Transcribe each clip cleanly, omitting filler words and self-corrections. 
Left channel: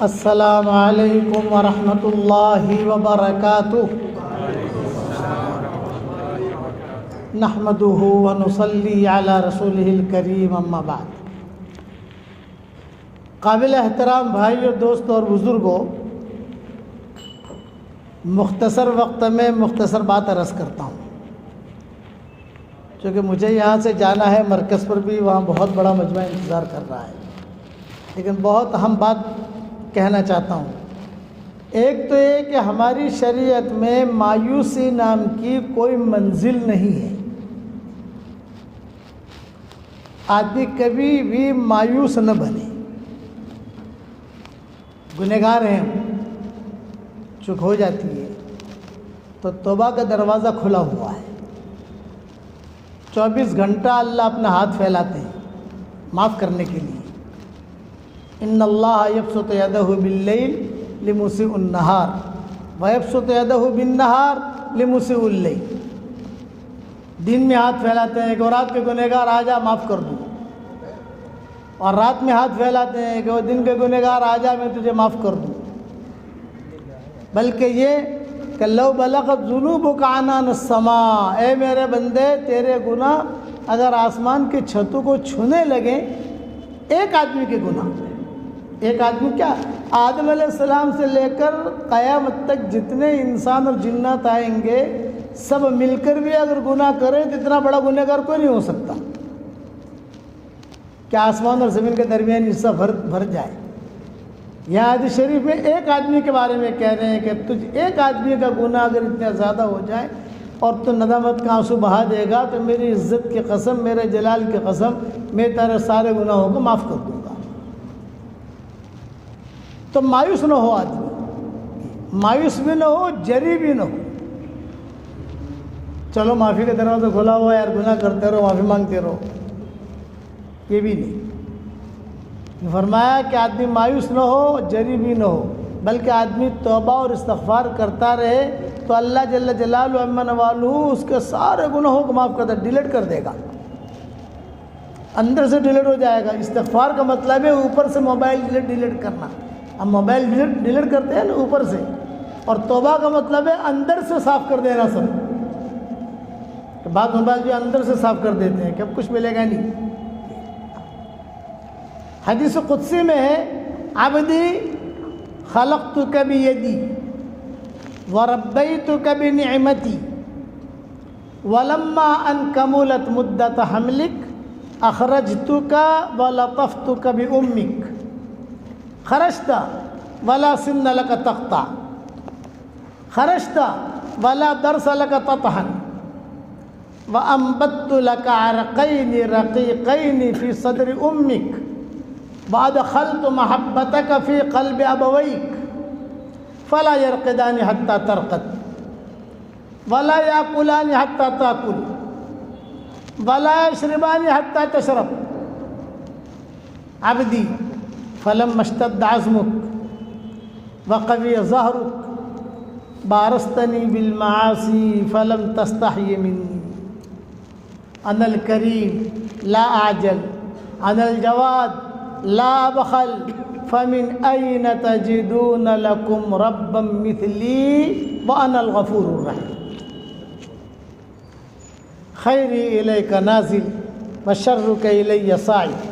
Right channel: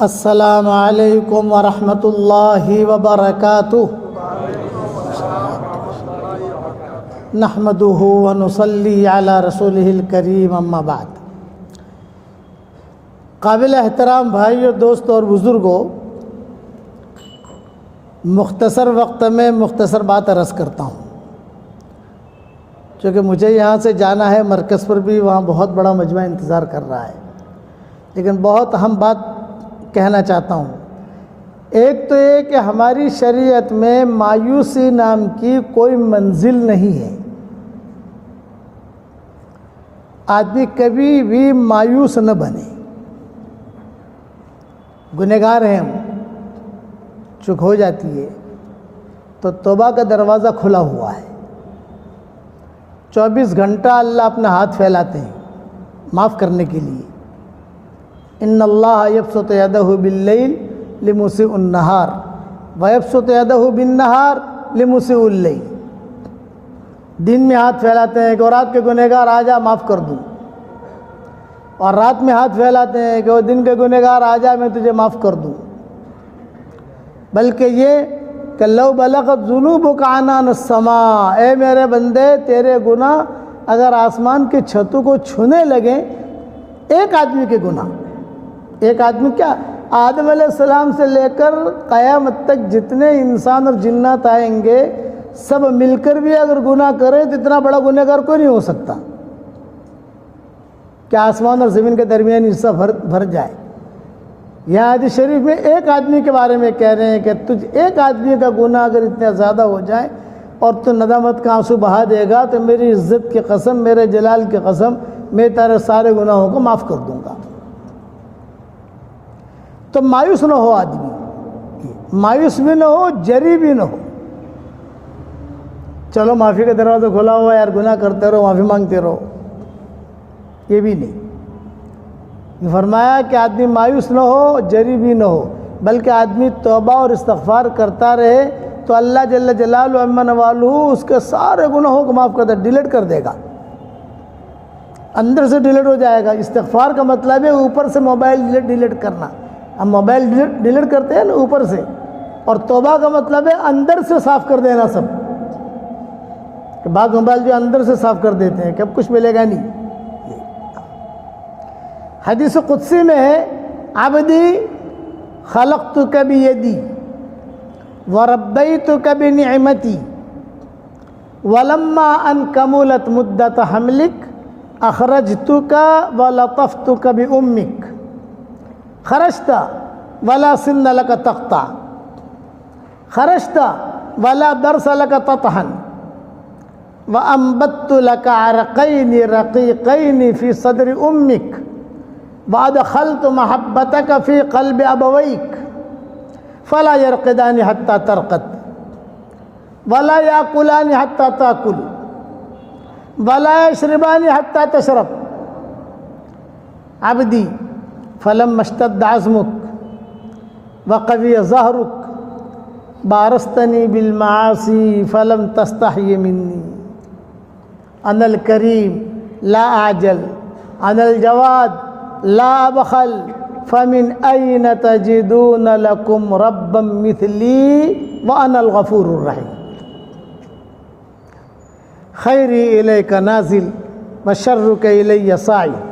السلام علیکم ورحمۃ اللہ وبرکاتہ نحمدہ ونصلی علی رسولہ الکریم اما بعد۔ قابل احترام بھائیو، دوستوں اور بزرگوں، مختصر وقت میں مختصر بات عرض کرتا ہوں، چونکہ مجھے یہاں سے جانا ہے مرکز پر بھی، وہاں بہت بڑا مجمع انتظار کر رہا ہے، لیکن بہت اہم بات کہنا چاہتا ہوں۔ ایک تو یہ کہ ہماری شریعت میں مایوسی نام کی کوئی منزل نہیں ہے۔ آدمی کبھی بھی مایوس نہ بنے۔ گنہگار ہیں ہم، چک ہو جاتی ہے تو توبہ کا دروازہ کھلا ہوا ہے، 24 گھنٹہ اللہ اپنا ہاتھ پھیلاتے ہیں معاف کرنے کے لیے۔ ان اللہ یبسط یدہ باللیل لمسیء النہار ویبسط یدہ بالنہار لمسیء اللیل۔ دن میں ہاتھ پھیلاتے ہیں کہ وہ رات کے گنہگار آ جا معاف کر دوں، اور رات میں ہاتھ پھیلاتے ہیں کہ وہ دن کے گنہگار آ جا میں تجھے معاف کر دوں۔ بلکہ یہ کہ لو بلغت ذنوبک عنان السماء، اے میرے بندے تیرے گناہ اگر آسمان کے چھتوں کو چھونے لگیں، ایک آدمی کے گناہ، ایک آدمی کیا، آدم علیہ السلام سے لے کر قیامت تک جتنے انسان اور جنات آئیں گے سب مل کر بھی اگر گناہ کریں تو اتنا بڑا گنہگار کوئی نہیں ہو سکتا کہ آسمان اور زمین کے درمیان حصہ بھر جائے۔ یہاں حدیث شریف میں ایک آدمی کے بارے میں کہہ رہے ہیں کہ تجھ ایک آدمی کا گناہ اگر اتنا زیادہ ہو جائے اور تو ندامت کا آنسو بہا دے گا تو میری عزت کی قسم، میرے جلال کی قسم، میں تیرے سارے گناہوں کو معاف کر دوں گا۔ تو مایوس نہ ہو آدمی، مایوس بھی نہ ہو، جری بھی نہ ہو۔ چلو معافی کا دروازہ کھلا ہوا ہے یار، گناہ کرتے رہو، معافی مانگتے رہو، یہ بھی نہیں۔ فرمایا کہ آدمی مایوس نہ ہو، جری بھی نہ ہو، بلکہ آدمی توبہ اور استغفار کرتا رہے تو اللہ جل جلالہ عما نوالہ اس کے سارے گناہوں کو معاف کرتا، ڈیلیٹ کر دے گا، اندر سے ڈیلیٹ ہو جائے گا۔ استغفار کا مطلب ہے اوپر سے موبائل ڈیلیٹ کرنا، ہم موبائل ڈیلیٹ کرتے ہیں نا اوپر سے، اور توبہ کا مطلب ہے اندر سے صاف کر دینا سب۔ کہ بعض موبائل جو اندر سے صاف کر دیتے ہیں کہ اب کچھ ملے گا نہیں۔ حدیث قدسی میں ہے، عبدی خلقتک بیدی وربیتک بنعمتی ولما ان کملت مدت حملک اخرجتک ولطفتک بامک خرجت ولا سن لك تقطع خرجت ولا درس لك تطحن وأنبت لك عرقين رقيقين في صدر أمك وأدخلت محبتك في قلب أبويك فلا يرقدان حتى ترقد ولا يأكلان حتى تأكل ولا يشربان حتى تشرب عبدي فلما اشتد عزمك وقوي ظهرك بارزتني بالمعاصي فلم تستحي مني أنا الكريم لا أعجل أنا الجواد لا أبخل فمن أين تجدون لكم ربا مثلي وأنا الغفور الرحيم خيري إليك نازل وشرك إلي صاعد۔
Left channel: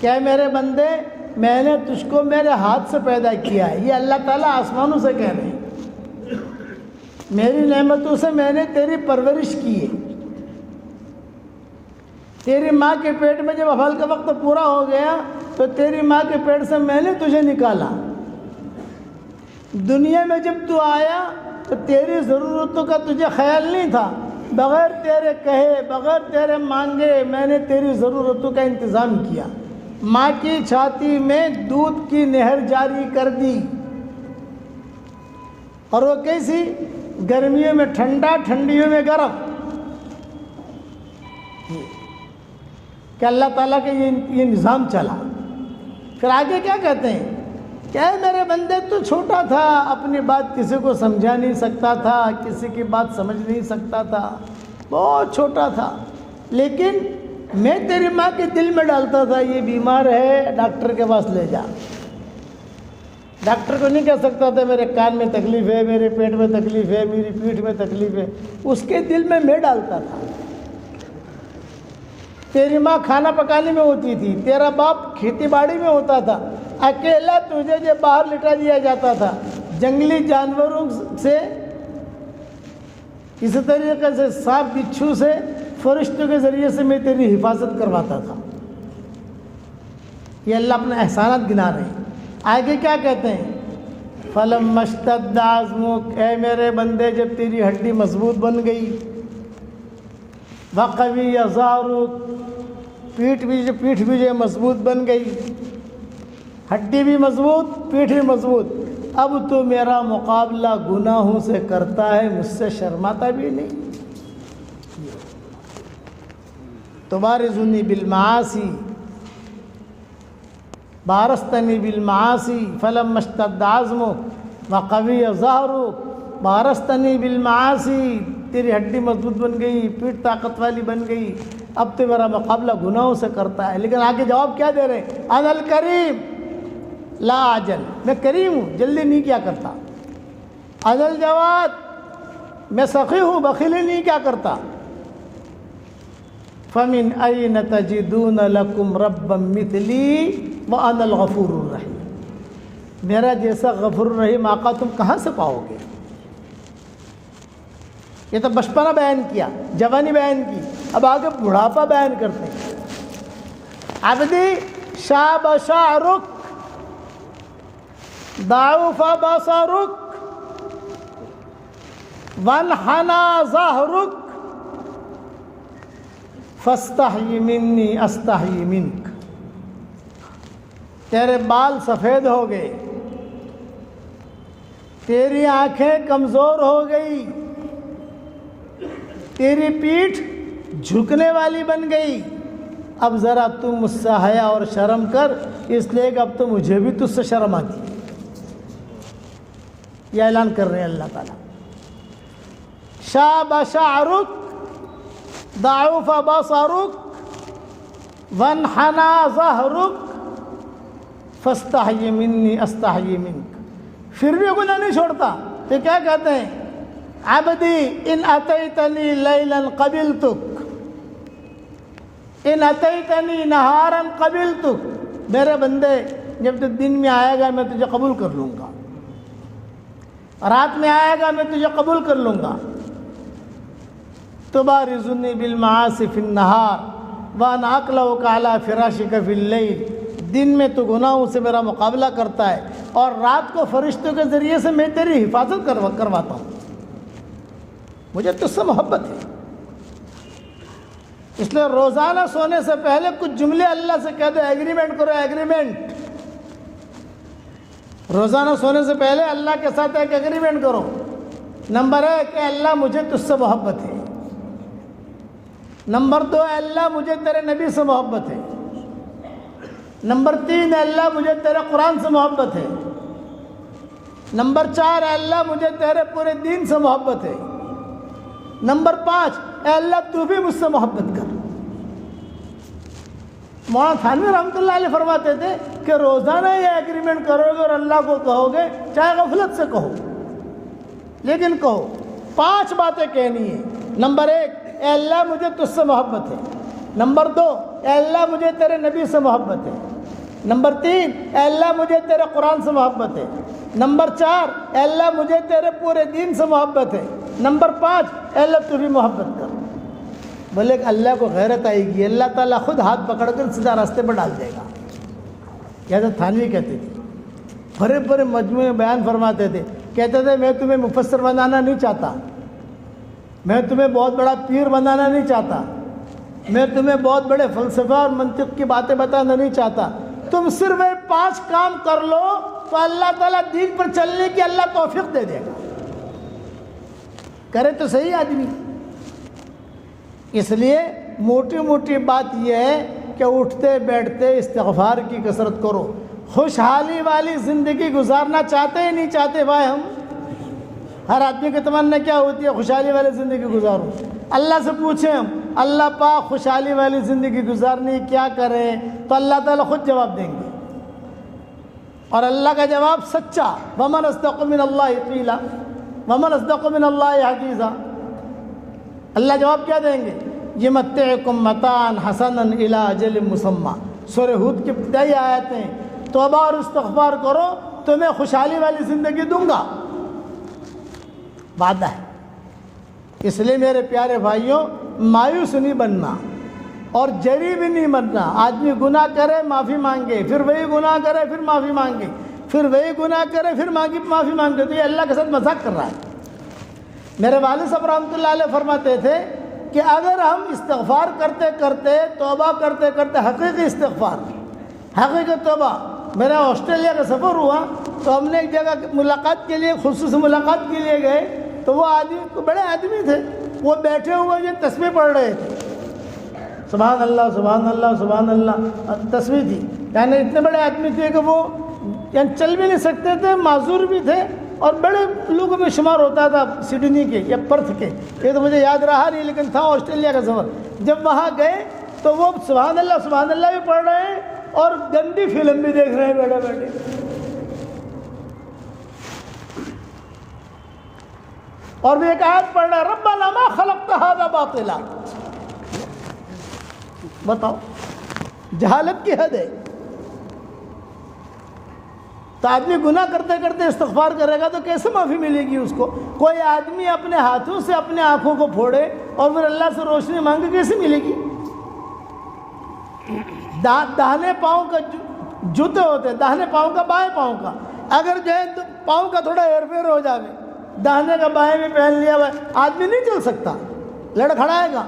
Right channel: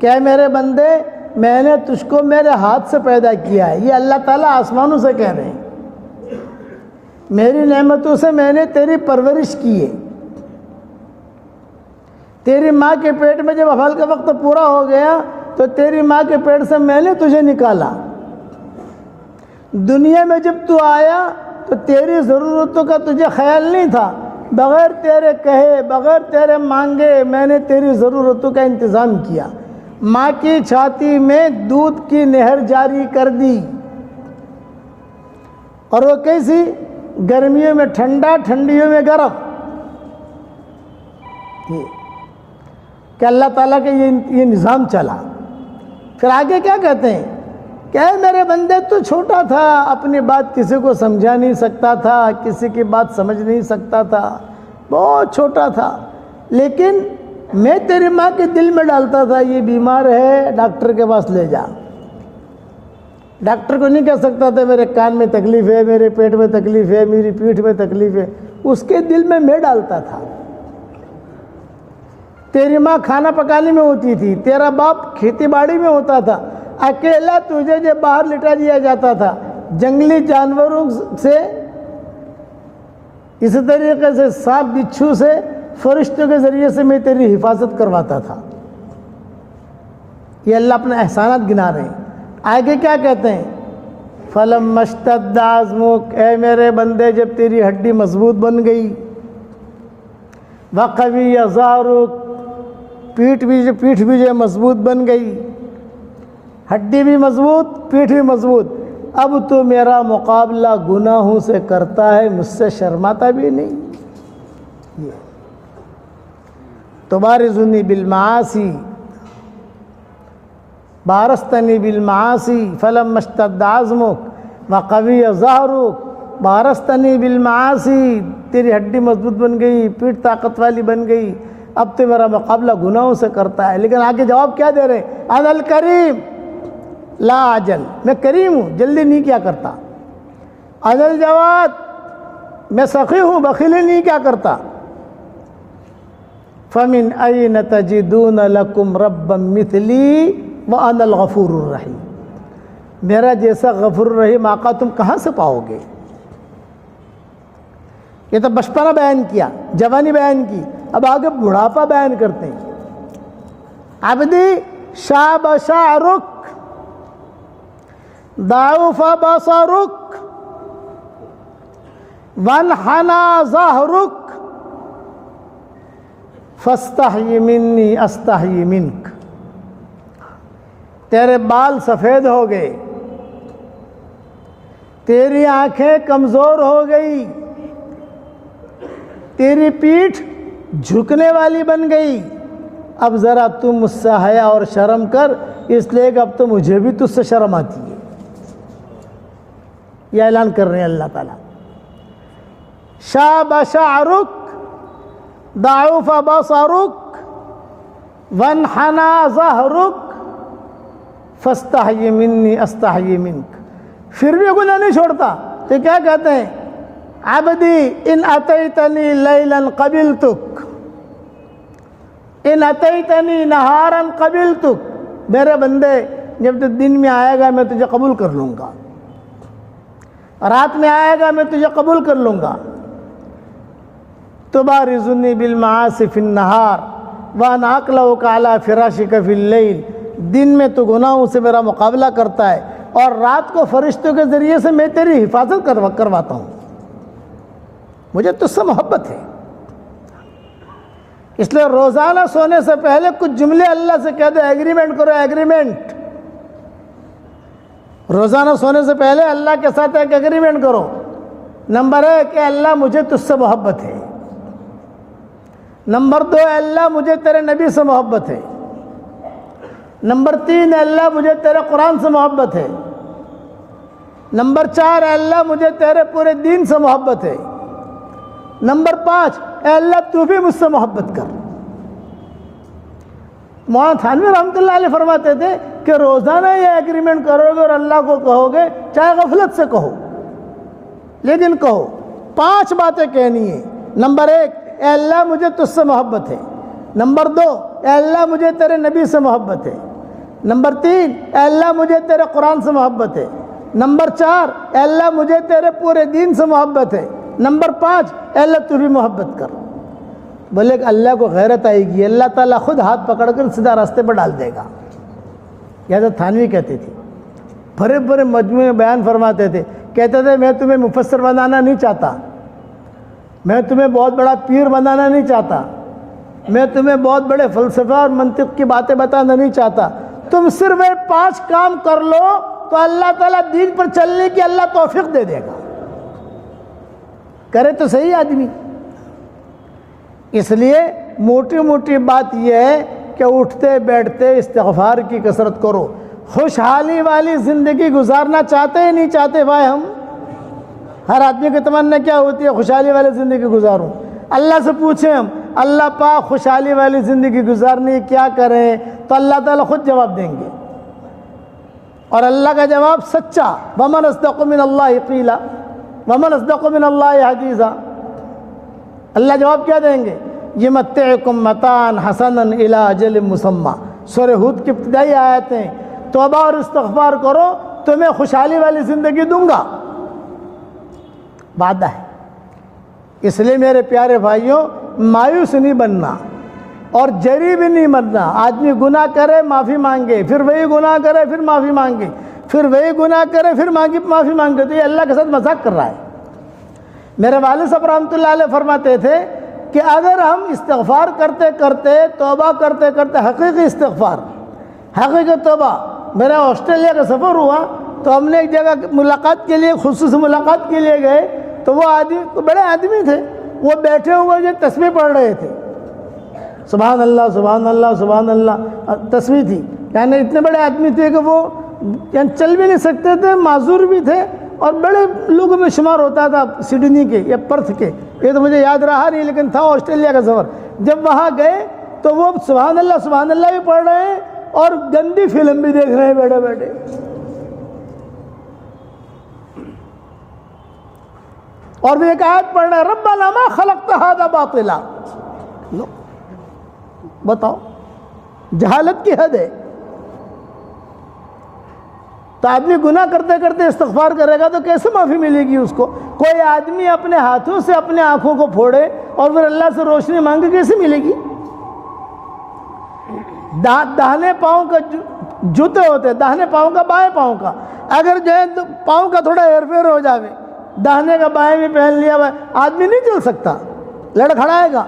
کہ میرے بندے میں نے تجھ کو میرے ہاتھ سے پیدا کیا ہے، یہ اللہ تعالیٰ آسمانوں سے کہہ رہے ہیں، میری نعمتوں سے میں نے تیری پرورش کی ہے۔ تیری ماں کے پیٹ میں جب حمل کا وقت پورا ہو گیا تو تیری ماں کے پیٹ سے میں نے تجھے نکالا۔ دنیا میں جب تو آیا تو تیری ضرورتوں کا تجھے خیال نہیں تھا، بغیر تیرے کہے، بغیر تیرے مانگے میں نے تیری ضرورتوں کا انتظام کیا۔ ماں کی چھاتی میں دودھ کی نہر جاری کر دی، اور وہ کیسی، گرمیوں میں ٹھنڈا، ٹھنڈیوں میں گرم، کہ اللہ تعالیٰ کے یہ نظام چلا۔ پھر آگے کیا کہتے ہیں کہ اے میرے بندے تو چھوٹا تھا، اپنی بات کسی کو سمجھا نہیں سکتا تھا، کسی کی بات سمجھ نہیں سکتا تھا، بہت چھوٹا تھا، لیکن میں تیری ماں کے دل میں ڈالتا تھا یہ بیمار ہے ڈاکٹر کے پاس لے جا، ڈاکٹر کو نہیں کہہ سکتا تھا میرے کان میں تکلیف ہے، میرے پیٹ میں تکلیف ہے، میری پیٹھ میں تکلیف ہے، اس کے دل میں ڈالتا تھا۔ تیری ماں کھانا پکانے میں ہوتی تھی، تیرا باپ کھیتی باڑی میں ہوتا تھا، اکیلا تجھے جو باہر لٹا دیا جاتا تھا، جنگلی جانوروں سے، اسی طریقے سے سانپ بچھو سے، فرشتوں کے ذریعے سے میں تیری حفاظت کرواتا تھا۔ یہ اللہ اپنا احسانات گنا رہے ہیں۔ آگے کیا کہتے ہیں؟ فَلَمَّا اشْتَدَّ عَزْمُكَ، اے میرے بندے جب تیری ہڈی مضبوط بن گئی، وَقَوِيَّ ظَهْرُكَ، پیٹھ بھی جو مضبوط بن گئی، ہڈی بھی مضبوط، پیٹھ بھی مضبوط، اب تو میرا مقابلہ گناہوں سے کرتا ہے، مجھ سے شرماتا بھی نہیں۔ تبارزنی بالمعاصی بارستنی بالمعاصی فلما اشتد عزمک وقوی ظہرک، بارستنی بالمعاصی، تیری ہڈی مضبوط بن گئی، پیٹھ طاقت والی بن گئی، اب تو میرا مقابلہ گناہوں سے کرتا ہے۔ لیکن آگے جواب کیا دے رہے؟ انا الکریم لا اجل، میں کریم ہوں، جلدی نہیں کیا کرتا۔ انا الجواد، میں سخی ہوں، بخیلی نہیں کیا کرتا۔ فمن این تجدون لکم ربا مثلی وانا الغفور الرحیم، میرا جیسا غفور الرحیم آقا تم کہاں سے پاؤ گے؟ یہ تو بچپنا بیان کیا، جوانی بیان کی، اب آگے بڑھاپا بیان کرتے ہیں۔ عبدی شاب شعرک ضعف بصرک وانحنى ظہرک فاستحی منی استحی منک، تیرے بال سفید ہو گئے، تیری آنکھیں کمزور ہو گئی، تیری پیٹھ جھکنے والی بن گئی، اب ذرا تم مجھ سے حیا اور شرم کر، اس لیے کہ اب تو مجھے بھی تجھ سے شرم آتی ہے۔ یہ اعلان کر رہے ہیں اللہ تعالیٰ۔ شاب شعرک ضعف بصرک وانحنى ظہرک فاستحی منی استحی منک، پھر بھی گناہ نہیں چھوڑتا تو کیا کہتے ہیں؟ عبدی ان اتیتنی لیلا قبلتک ان اتیتنی نہارا قبلتک، میرے بندے جب تو دن میں آئے گا میں تجھے قبول کر لوں گا، رات میں آئے گا میں تجھے قبول کر لوں گا۔ تبارزنی بالمعاصی فی النہار وانا اقلعک علی فراشک فی اللیل، دن میں تو گناہوں سے میرا مقابلہ کرتا ہے اور رات کو فرشتوں کے ذریعے سے میں تیری حفاظت کرواتا ہوں، مجھے تجھ سے محبت ہے۔ اس لیے روزانہ سونے سے پہلے کچھ جملے اللہ سے کہہ دو، ایگریمنٹ کرو، ایگریمنٹ، روزانہ سونے سے پہلے اللہ کے ساتھ ایک ایگریمنٹ کرو۔ نمبر 1 کہ اللہ مجھے تجھ سے محبت ہے، نمبر 2 اللہ مجھے تیرے نبی سے محبت ہے، نمبر 3 اللہ مجھے تیرے قرآن سے محبت ہے، نمبر 4 اللہ مجھے تیرے پورے دین سے محبت ہے، نمبر 5 اللہ تو بھی مجھ سے محبت کر۔ مولانا تھانوی رحمۃ اللہ علیہ فرماتے تھے کہ روزانہ یہ ایگریمنٹ کرو گے اور اللہ کو کہو گے، چاہے غفلت سے کہو لیکن کہو، 5 باتیں کہنی ہیں۔ نمبر 1 اے اللہ مجھے تجھ سے محبت ہے، نمبر 2 اے اللہ مجھے تیرے نبی سے محبت ہے، نمبر 3 اے اللہ مجھے تیرے قرآن سے محبت ہے، نمبر 4 اے اللہ مجھے تیرے پورے دین سے محبت ہے، نمبر 5 اے اللہ تو بھی محبت کر۔ بولے کہ اللہ کو غیرت آئے گی، اللہ تعالیٰ خود ہاتھ پکڑ کر سیدھا راستے پر ڈال دے گا۔ یہ حضرت تھانوی کہتے تھے، بڑے بڑے مجموعے میں بیان فرماتے تھے، کہتے تھے میں تمہیں مفسر بنانا نہیں چاہتا، میں تمہیں بہت بڑا پیر بنانا نہیں چاہتا، میں تمہیں بہت بڑے فلسفہ اور منطق کی باتیں بتانا نہیں چاہتا، تم صرف 5 کام کر لو تو اللہ تعالیٰ دین پر چلنے کی اللہ توفیق دے دے گا۔ کرے تو صحیح آدمی۔ اس لیے موٹی موٹی بات یہ ہے کہ اٹھتے بیٹھتے استغفار کی کثرت کرو۔ خوشحالی والی زندگی گزارنا چاہتے ہی نہیں چاہتے بھائی ہم؟ ہر آدمی کی تمنا کیا ہوتی ہے؟ خوشحالی والی زندگی گزاروں۔ اللہ سے پوچھیں ہم، اللہ پاک خوشحالی والی زندگی گزارنی کیا کریں؟ تو اللہ تعالیٰ خود جواب دیں گے۔ اور اللہ کا جواب سچا، ومن اصدق من اللہ قیلا ومن اصدق من اللہ حدیثا۔ اللہ جواب کیا دیں گے؟ یمتعکم متاعا حسنا الی اجل مسمی۔ سورہ ہود کی ابتدائی آیتیں، توبہ اور استغفار کرو تمہیں خوشحالی والی زندگی دوں گا، وعدہ ہے۔ اس لیے میرے پیارے بھائیوں، مایوس نہیں بننا اور جری بھی نہیں بننا۔ آدمی گناہ کرے معافی مانگے، پھر وہی گناہ کرے پھر معافی مانگے، پھر وہی گناہ کرے پھر معافی مانگے، تو یہ اللہ کے ساتھ مذاق کر رہا ہے۔ میرے والد صاحب رحمۃ اللہ علیہ فرماتے تھے کہ اگر ہم استغفار کرتے کرتے، توبہ کرتے کرتے، حقیقی استغفار، حقیقی توبہ، میرا آسٹریلیا کا سفر ہوا تو ہم نے ایک جگہ ملاقات کے لیے، خصوصی ملاقات کے لیے گئے، تو وہ آدمی بڑے آدمی تھے، وہ بیٹھے ہوئے جو تسبیح پڑھ رہے تھے، سبحان اللہ سبحان اللہ سبحان اللہ تسبیح تھی، یعنی اتنے بڑے آدمی تھے کہ وہ یعنی چل بھی نہیں سکتے تھے، معذور بھی تھے، اور بڑے لوگوں میں شمار ہوتا تھا سڈنی کے یا پرتھ کے، یہ تو مجھے یاد رہا نہیں لیکن تھا آسٹریلیا کا سفر۔ جب وہاں گئے تو وہ سبحان اللہ بھی پڑھ رہے ہیں اور گندی فلم بھی دیکھ رہے ہیں بیٹھے بیٹھے۔ اور وہ ایک آیت پڑھ رہے ہیں، ربنا ما خلقت ھذا باطلا۔ بتاؤ، جہالت کی حد ہے۔ تو آدمی گناہ کرتے کرتے استغفار کرے گا تو کیسے معافی ملے گی اس کو؟ کوئی آدمی اپنے ہاتھوں سے اپنے آنکھوں کو پھوڑے اور پھر اللہ سے روشنی مانگے، کیسے ملے گی؟ داہنے پاؤں کا جوتے ہوتے، داہنے پاؤں کا بائیں پاؤں کا، اگر جو ہے تو پاؤں کا تھوڑا ہیر پھیر ہو جاوے، داہنے کا بائیں بھی پہن لیا ہوا، آدمی نہیں چل سکتا، لڑکھڑائے گا۔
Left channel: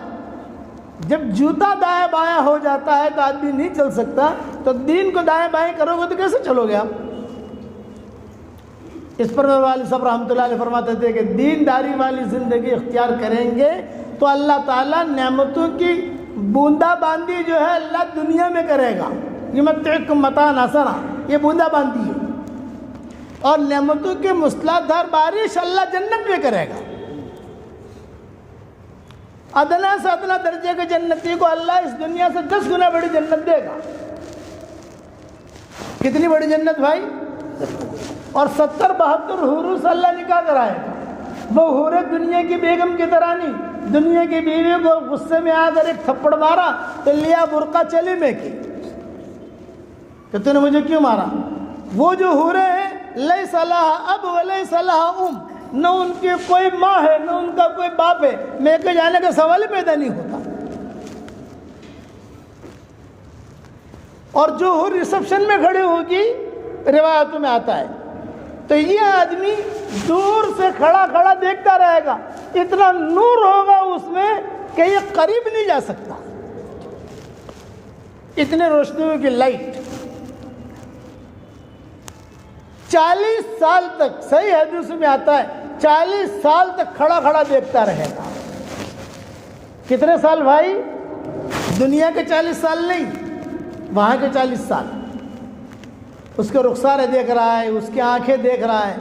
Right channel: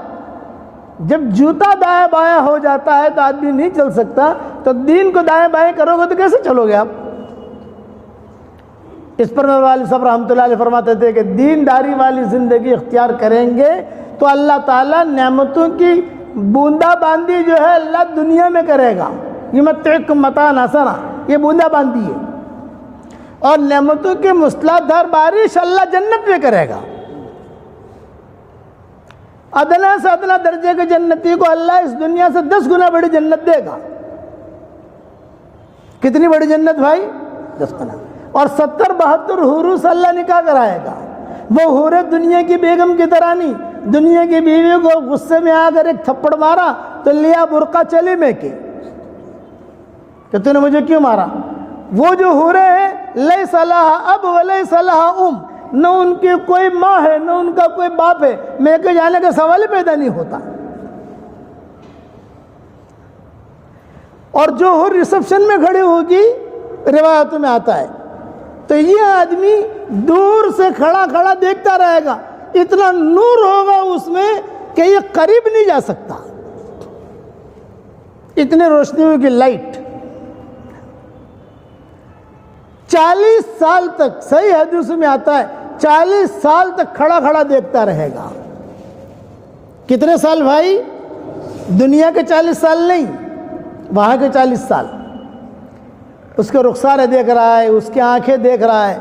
جب جوتا دائیں بائیں ہو جاتا ہے تو آدمی نہیں چل سکتا، تو دین کو دائیں بائیں کرو گے تو کیسے چلو گے آپ؟ اس پر میرے والد صاحب رحمۃ اللہ علیہ فرماتے تھے کہ دینداری والی زندگی اختیار کریں گے تو اللہ تعالیٰ نعمتوں کی بوندا باندی جو ہے اللہ دنیا میں کرے گا۔ یمتعکم متاعا حسنا، یہ بوندا باندی ہے، اور نعمتوں کی مصلاح دھار بارش اللہ جنت میں کرے گا۔ ادنا سے ادنا درجے کے جنتی کو اللہ اس دنیا سے 10 گنا بڑی جنت دے گا۔ کتنی بڑی جنت بھائی؟ 10 گنا۔ اور 70-72 حوروں سے اللہ نکاح کرائے گا۔ وہ حوریں دنیا کی بیگم کی طرح نہیں، دنیا کی بیوی کو غصے میں آ کر ایک تھپڑ مارا تو لیا برقع چلی میں کی کہ تو نے مجھے کیوں مارا۔ وہ جو حوریں ہیں، لیس لہا اب ولیس لہا ام، نہ ان کی کوئی ماں ہے نہ ان کا کوئی باپ ہے، میں کے جانے کا سوال ہی پیدا نہیں ہوتا۔ اور جو حور ریسپشن میں کھڑی ہوگی، روایتوں میں آتا ہے، تو یہ آدمی دور سے کھڑا کھڑا دیکھتا رہے گا، اتنا نور ہوگا اس میں کہ یہ قریب نہیں جا سکتا، اتنی روشنی ہوگی لائٹ۔ 40 سال تک، صحیح حدیث میں آتا ہے، 40 سال تک کھڑا کھڑا دیکھتا رہے گا۔ کتنے سال بھائی؟ دنیا کے 40 سال نہیں، وہاں کے 40 سال۔ اس کے رخسارے دیکھ رہا ہے، اس کی آنکھیں دیکھ رہا ہے۔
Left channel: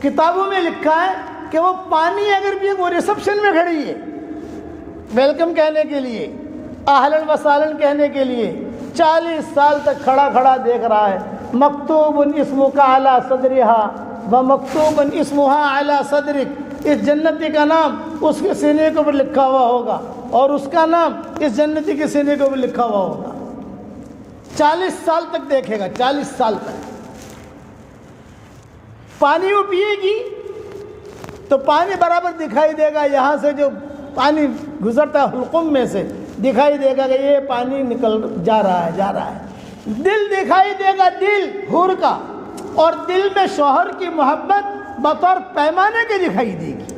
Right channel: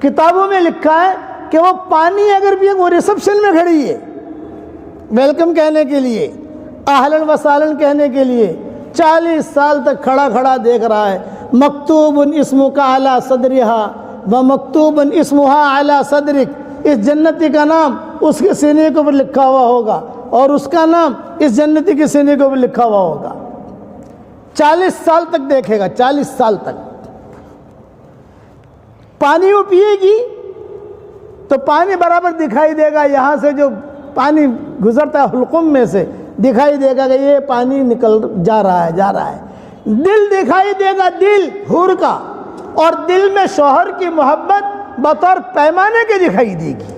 کتابوں میں لکھا ہے کہ وہ پانی اگر بھی وہ ریسپشن میں کھڑی ہے ویلکم کہنے کے لیے، اہلاً و سہلاً کہنے کے لیے، 40 سال تک کھڑا کھڑا دیکھ رہا ہے۔ مکتوب اسمک علی صدرہا و مکتوب اسمہا علی صدرک، اس جنتی کا نام اس کے سینے کے اوپر لکھا ہوا ہوگا اور اس کا نام اس جنتی کے سینے کے اوپر لکھا ہوا ہوگا۔ 40 سال تک دیکھے گا، 40 سال تک۔ پانی وہ پیے گی تو پانی برابر دکھائی دے گا، یہاں سے جو پانی گزرتا ہے حلقوم میں سے دکھائی دے گا کہ یہ پانی نکل جا رہا ہے جا رہا ہے۔ دل دکھائی دے گا، دل حور کا، اور دل میں شوہر کی محبت بطور پیمانے کے دکھائی دے گی،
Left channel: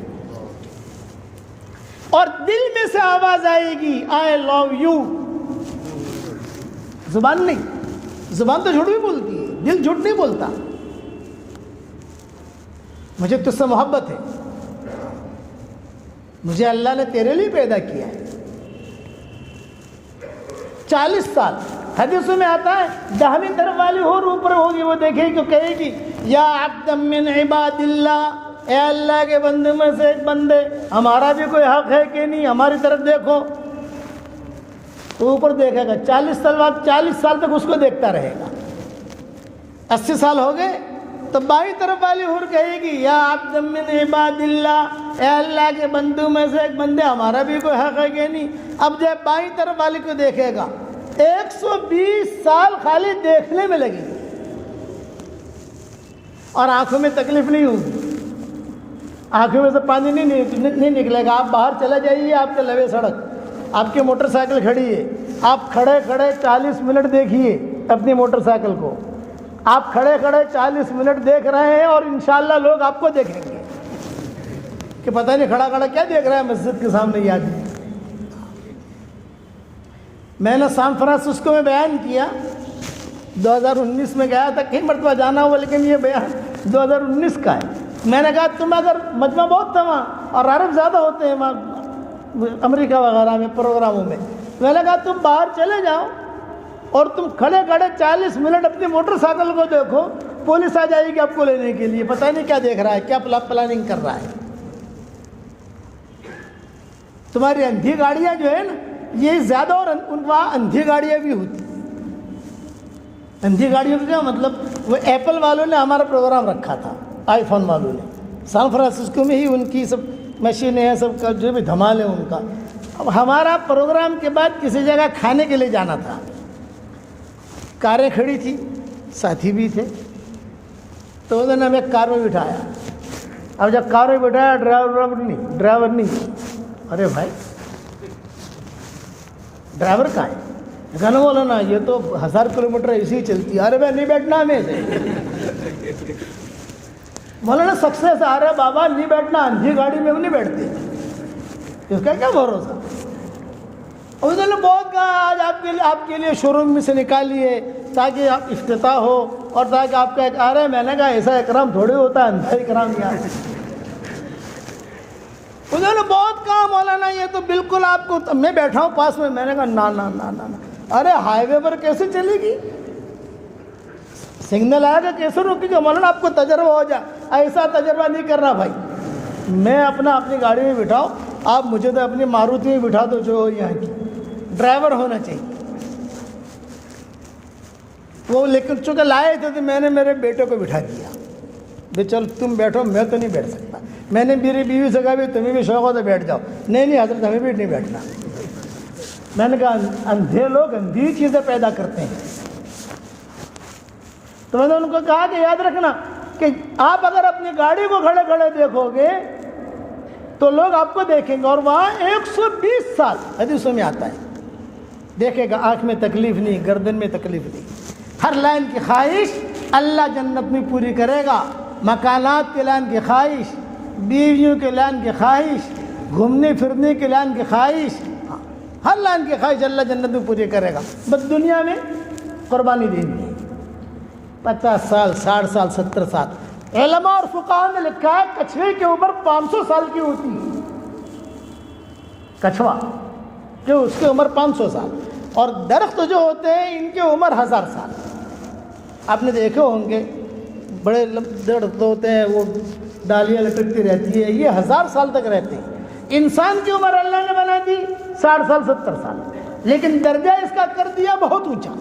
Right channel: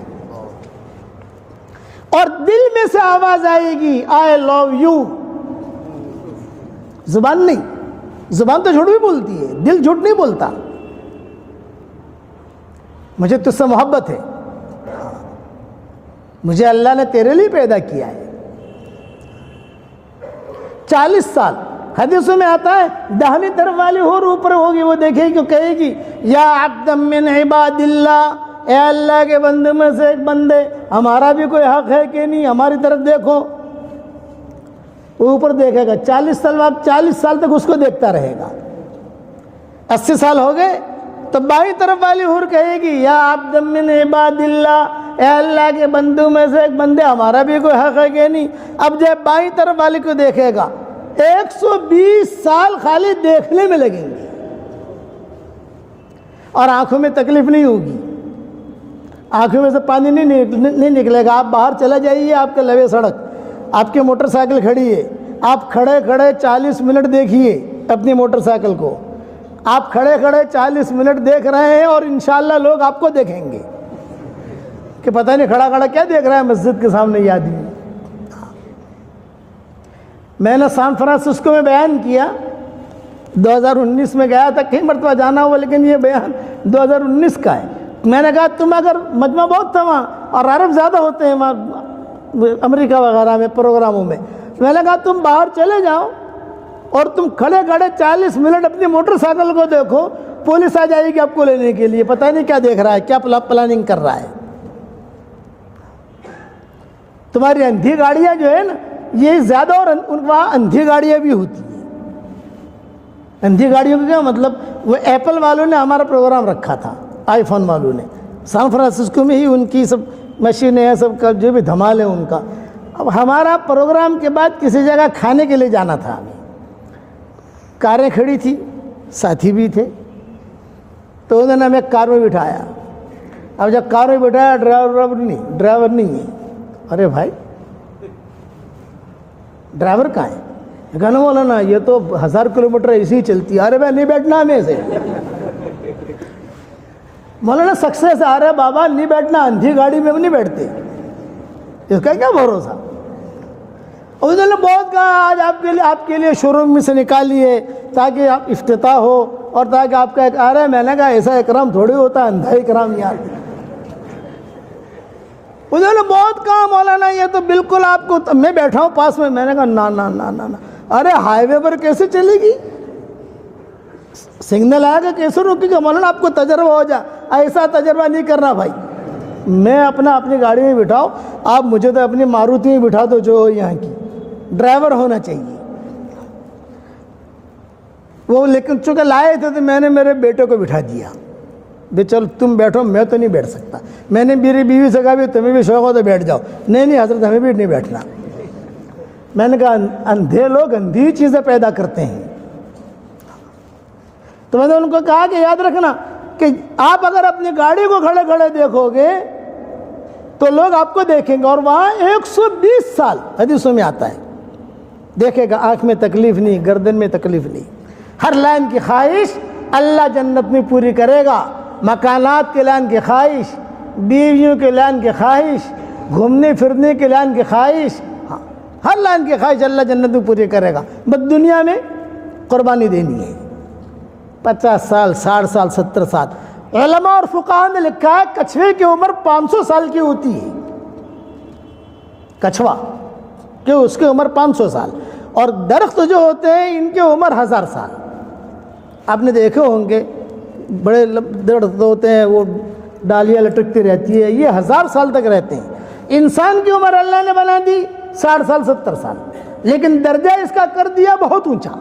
اور دل میں سے آواز آئے گی آئی لو یو۔ زبان نہیں، زبان تو جھوٹ بھی بولتی ہے، دل جھوٹ نہیں بولتا۔ مجھے تجھ سے محبت ہے، مجھے اللہ نے تیرے لیے پیدا کیا ہے۔ 40 سال حدیثوں میں آتا ہے، دہنی طرف والی حور اوپر ہوگی، وہ دیکھے گی، کہے گی یا عبد من عباد اللہ، اے اللہ کے بندوں میں سے ایک بندے، ہمارا بھی کوئی حق ہے کہ نہیں، ہماری طرف دیکھو۔ اوپر دیکھے گا، 40 سال بعد 40 سال تک اس کو دیکھتا رہے گا۔ 80 سال ہو گئے تو بائیں طرف والی حور کہے گی یا عبد من عباد اللہ، اے اللہ کے بندوں میں سے ایک بندے، ہمارا بھی کوئی حق ہے کہ نہیں؟ اب جب بائیں طرف والی کو دیکھے گا 120 سال خالی دیکھنے میں لگیں گے اور آنکھوں میں تکلیف نہیں ہوگی، آنکھوں میں سے پانی نہیں نکلے گا۔ آپ باہر چلے جائیے، آپ کے لوے سڑک، آپ کی موٹر سائیکل کھڑی ہے، آپ کھڑے 40 منٹ دیکھیے اپنی موٹر سائیکل کو، آپ کھڑے 40 منٹ دیکھ رہے ہیں اور انشاءاللہ لوگ آپ کو دیکھیں گے کہ پتہ نہیں کھڑا کیا دیکھ رہا ہے مسجد کے سامنے یہ آدمی۔ میں نے سان فرانسسکو میں بیان کیا، 2019 میں گیا تھا، کئی مرتبہ جانا ہوا لیکن یہ بیان 2019 کا ہے۔ میں نے کہا تم اگر مجمع بہت تھا وہاں اور عرب زیادہ ہوتے ہیں وہاں امریکہ وغیرہ میں پروگراموں میں نے کہا تم باہر چلے جاؤ اور تم کھڑے 40 منٹ اپنی موٹر سائیکل کو دیکھو، پولیس آ جائے گی آپ کو لینے کے لیے، پتہ نہیں کیا دیکھ رہا ہے، کیا پلاننگ کر رہا ہے۔ تمہاری اندھی گاڑیاں جو ہے نا یہ زیادہ، اور وہاں اندھی گاڑیاں بھی ہوتی۔ اندھی گاڑیوں کا کیا مطلب؟ وہ ایپل والوں نے ہمارا پروگرام رکھا تھا، آئی فون والوں نے، سان فرانسسکو میں ہی ان کی سب مشینیں ہیں، سب کا جو بھی دھمال ہے ان کا۔ اب ہمارا پروگرام کے بعد کسی جگہ کھانے کے لیے جانا تھا، کاریں کھڑی تھی، ساتھی بھی تھے، تو انہوں نے ہمیں کار میں بٹھایا۔ اب جب کار میں بٹھایا ڈرائیور نہیں، ارے بھائی ڈرائیور کہاں ہے؟ کہنا مولانا یہ تو 1000 کلومیٹر ایسی ہی چلتی ہے۔ ارے بھائی نہیں بیٹھنا ہمیں سے، مولانا سکسیس آ رہا ہے بابا، نہیں بیٹھنا، اندھی گاڑی میں نہیں بیٹھتے، اس کا کیا بھروسہ۔ اور انہوں نے بہت کہا آج آپ کے لیے شو روم میں سے نکالیے تاکہ آپ افتتاح ہو اور تاکہ آپ کا ایک آ رہا ہے۔ میں نے کہا ایسا اکرام تھوڑی ہوتا ہے، اندھا اکرام یہاں سے۔ انہوں نے بہت کہا مولانا یہ تو بالکل آپ کو، میں بیٹھا ہوں پاس میں نے کہا نا نا نا نا نا، ارے ہائی وے پر کیسے چلے گی؟ سگنل آئے گا کیسے روکے گا؟ مولانا آپ کو تجربہ ہو جا، ایسا تجربہ نہیں کرنا بھائی، میں اپنی گاڑی میں بٹھاؤ، آپ مجھے تو اپنی ماروتی میں بٹھا دو جو یہاں کی، ڈرائیور ہونا چاہیے وہ۔ لیکن چونکہ لائے تھے تو میں نے میرے بیٹے کو بٹھا دیا، بے چل تم بیٹھو، میں تو نہیں بیٹھ سکتا۔ میں نے میری بیوی سے کہا بھی تمہیں بھی شوق ہو تو بیٹھ جاؤ، نہیں حضرت ہمیں بھی نہیں بیٹھنا۔ میں نے کہا اندھے لوگ اندھی چیزیں پیدا کرتے ہیں۔ تو میں نے ان کو کہا کہ یاد رکھنا کہ آپ اگر اپنی گاڑی کو کھڑے دیکھو گے تو لوگ آپ کو دیکھیں گے، اور وہاں 120 سال حدیثوں میں آتا ہے دیکھے گا، آنکھ میں تکلیف نہیں، گردن میں تکلیف نہیں، ہر لائن کی خواہش اللہ جنت میں پوری کرے گا، مکانات کے لائن کی خواہش، بیویوں کے لائن کی خواہش، گھومنے پھرنے کے لائن کی خواہش، ہر لائن کی خواہش اللہ جنت میں پوری کرے گا، بس دنیا میں قربانی دینی ہے۔ 50 سال، 60 سال، 70 سال۔ علماء اور فقہاء نے لکھا ہے کچھوے کی عمر 500 سال کی ہوتی ہے، کچھوا کہ اس کی عمر 500 سال، اور درخت جو ہوتے ہیں ان کی عمر 1000 سال۔ آپ نے دیکھے ہوں گے بڑے درخت ہوتے ہیں، وہ ڈالیاں لٹکتی رہتی ہے، یہ 1000 سال تک رہتے ہیں۔ انسان کی عمر اللہ نے بنا دی 60 سال، 70 سال، لیکن درجہ اس کا کر دیا بہت اونچا۔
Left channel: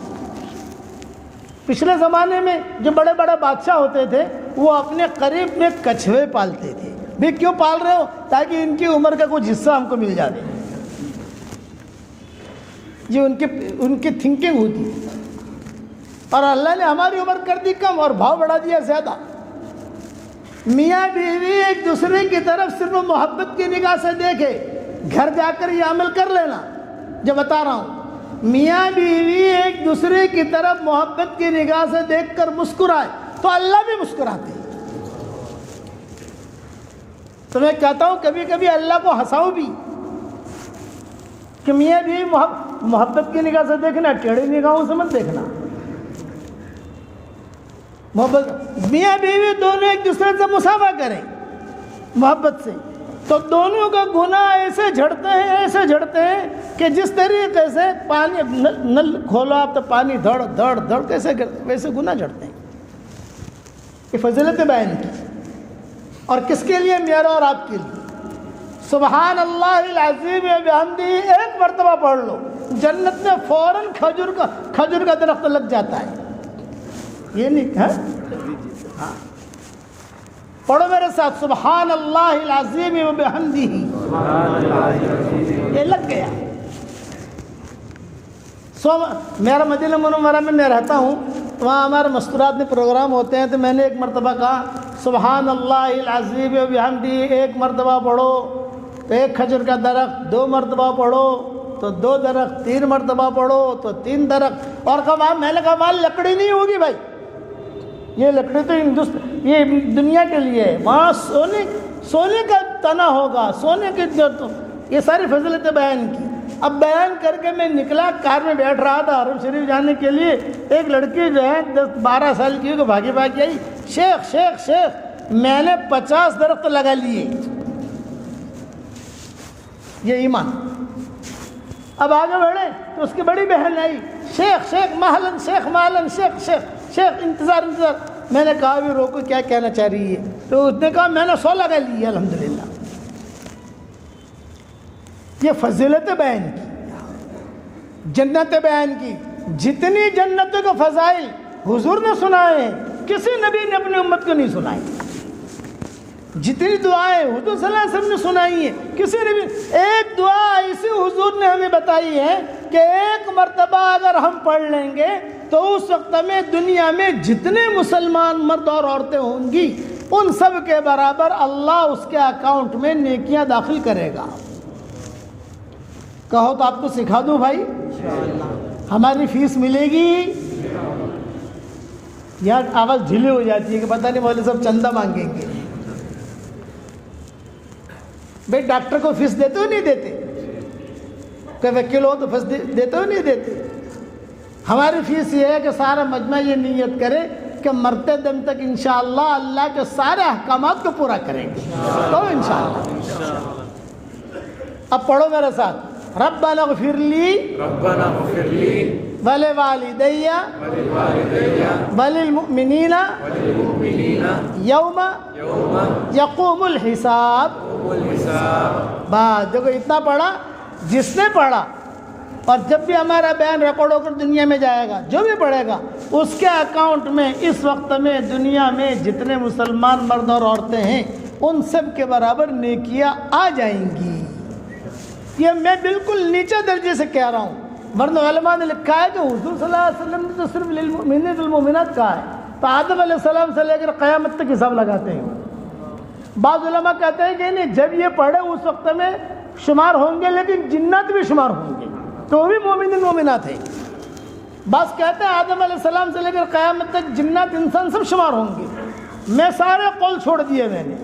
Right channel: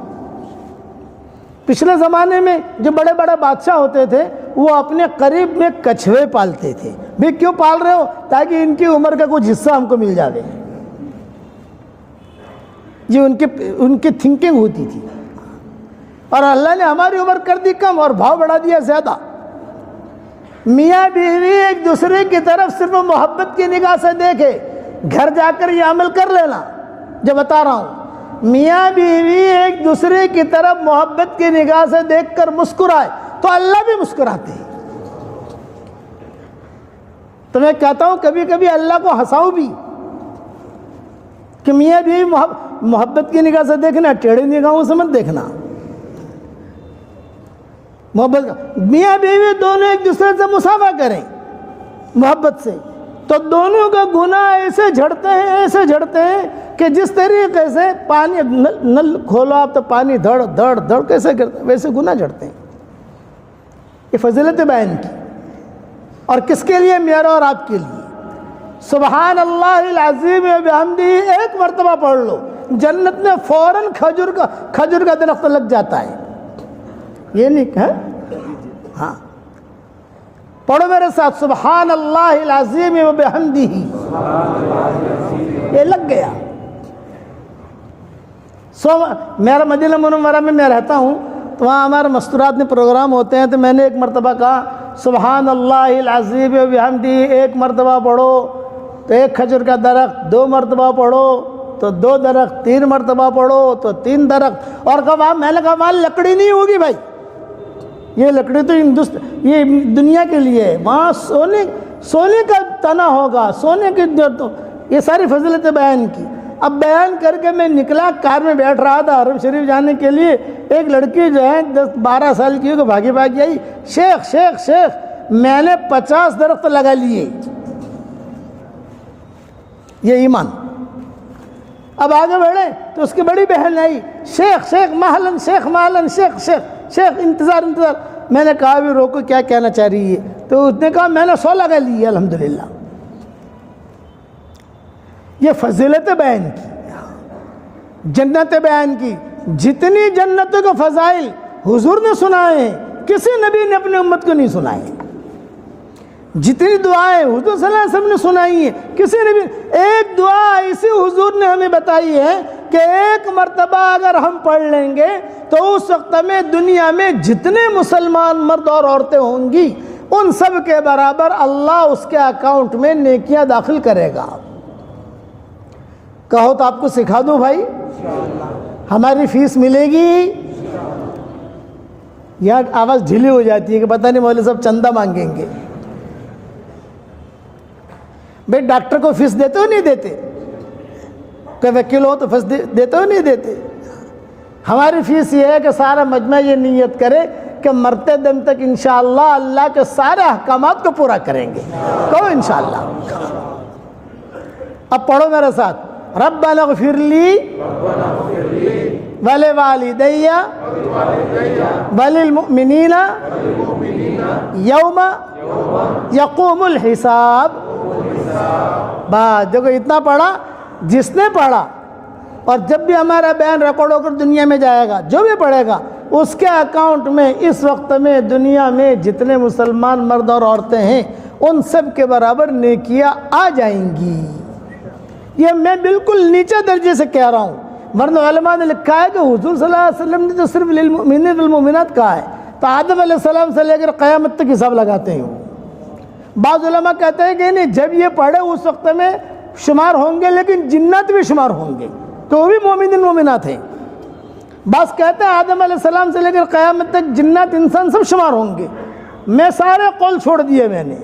پچھلے زمانے میں جو بڑے بڑے بادشاہ ہوتے تھے وہ اپنے قریب میں کچھوے پالتے تھے۔ بھی کیوں پال رہے ہو؟ تاکہ ان کی عمر کا کچھ حصہ ہم کو مل جائے۔ یہ ان کی تھنکنگ ہوتی تھی، اور اللہ نے ہماری عمر کر دی کم اور بھاؤ بڑھا دیا زیادہ۔ میاں بیوی ایک دوسرے کی طرف صرف محبت کی نگاہ سے دیکھے، گھر جا کر یہ عمل کر لینا جو بتا رہا ہوں، میاں بیوی ایک دوسرے کی طرف محبت کی نگاہ سے دیکھ کر مسکرائے تو اللہ بھی مسکراتے ہیں۔ تو میں کہتا ہوں کبھی کبھی اللہ کو ہنساؤ بھی کہ میاں بیوی محبت کی نگاہ سے دیکھنا، ٹیڑھی نگاہوں سے مت دیکھنا۔ محبت، میاں بیوی دونوں ایک دوسرے سے مسافہ کریں محبت سے، تو دونوں کا گناہ ایسے جھڑتے ہیں کہ جس طریقے سے پانی نل کھولو آپ تو پانی دھڑ دھڑ دھڑ کیسے ویسے گناہ جھڑتے ہیں۔ یہ فضیلت بیان کی، اور کس کے لیے؟ میرا اور آپ کے لیے۔ سبحان اللہ العظیم و بحمدہ ایک مرتبہ پڑھ لو، جنت میں فوراً کھجور کا درخت لگ جاتا ہے۔ یہ نہیں ہے. ہاں پڑھو میرے ساتھ سبحان اللہ العظیم و بحمدہ. یہ لگ گیا. میرا مدینہ منورہ میں میں رہتا ہوں، وہاں ہمارے مستورات میں پروگرام ہوتے ہیں، تو میں نے ایک مرتبہ کہا سبحان اللہ العظیم و بحمدہ 1 مرتبہ پڑھو تو 1 کھجور کا درخت، 2 مرتبہ پڑھو تو 2 درخت، 3 مرتبہ پڑھو تو 3 درخت. اور کہا میں نے کہا وہاں لکڑی نہیں ہوگی بھائی، یہ لکڑی تو ہندوستان یہ دنیا کے لیے ہے، وہاں سونے کا تنا ہوگا، سونے کی. یہ ساری فضیلتیں بیان کی. اب بیان کر کے میں نکلا، کار میں بیٹھ رہا تھا حرم شریف جانے کے لیے. ایک لڑکی جو ہے 10-12 سال کی ہو کہ بھاگی بھاگی آئی، شیخ شیخ شیخ میں نے 50 درخت لگا لیے. یہ ایمان. اب آگے بڑھے تو اس کی بڑی بہن آئی، شیخ شیخ محلن شیخ محلن شیخ شیخ شیخ انتظار انتظار. میں نے کہا بھی روکو، کیا کہنا چاہ رہی ہے؟ تو اس نے کہا میں نے 100 لگا لی الحمدللہ. یہ فضیلت بیان کی، جنت بیان کی. جتنی جنتوں کے فضائل حضور نے سنائے ہیں، کسی نبی نے اپنی امت کو نہیں سنائے. جتنی دعائیں حضور صلی اللہ علیہ وسلم نے سنائی ہیں، کسی نے بھی. ایک دعا ایسی حضور نے ہمیں بتائی ہے کہ 1 مرتبہ اگر ہم پڑھ لیں گے تو اس وقت میں دنیا میں جتنے مسلمان مرد اور عورتیں ہوں گی ان سب کے برابر اللہ اس کے اکاؤنٹ میں نیکیاں داخل کرے گا. کہو تو آپ کو سکھا دوں بھائی، ہماری فیس ملے گی. یہاں آواز ڈھیلی ہو جاتی ہے کہ پتہ نہیں مولوی صاحب چندہ مانگیں گے. بھائی ڈاکٹر کو فیس دیتے ہو نہیں دیتے؟ کہ وکیل ہو تو فیس دیتے ہو نہیں دیتے؟ ہماری فیس یہ ہے کہ سارا مجمع یہ نیت کرے کہ مرتے دم تک انشاءاللہ اللہ کے سارے احکامات کو پورا کریں گے. تو انشاءاللہ. اب پڑھو میرے ساتھ ربنا اغفر لی ولوالدی وللمؤمنین یوم یقوم الحساب. بات دیکھو، اتنا پڑھا. جس نے پڑھا اور جب بھی ہمارا بیان ریکارڈ ہو کر دنیا میں جائے گا، جو بھی پڑھے گا اس کے اکاؤنٹ میں اس وقت میں دنیا میں جتنے مسلمان مرد اور عورتیں ہیں ان سب کے برابر نیکیاں آ جائیں گی. یہ میں بالکل نیچے درجے سے کہہ رہا ہوں، ورنہ علماء نے لکھا ہے کہ حضور صلی اللہ علیہ وسلم نے تو صرف للمؤمنین والمؤمنات کہا ہے، تو آدم علیہ السلام سے لے کر قیامت تک حساب لگاتے ہیں. بعض علماء کہتے ہیں کہ نہیں، جب یہ پڑھے اس وقت میں شمار ہوں گے، لیکن جنات بھی شمار ہوں گے تو وہ بھی مومنین مومنات ہیں. بعض کہتے ہیں آدم علیہ السلام سے لے کر قیامت تک جنات انسان سب شمار ہوں گے. میں سارے قول چھوڑ دیے میں نے،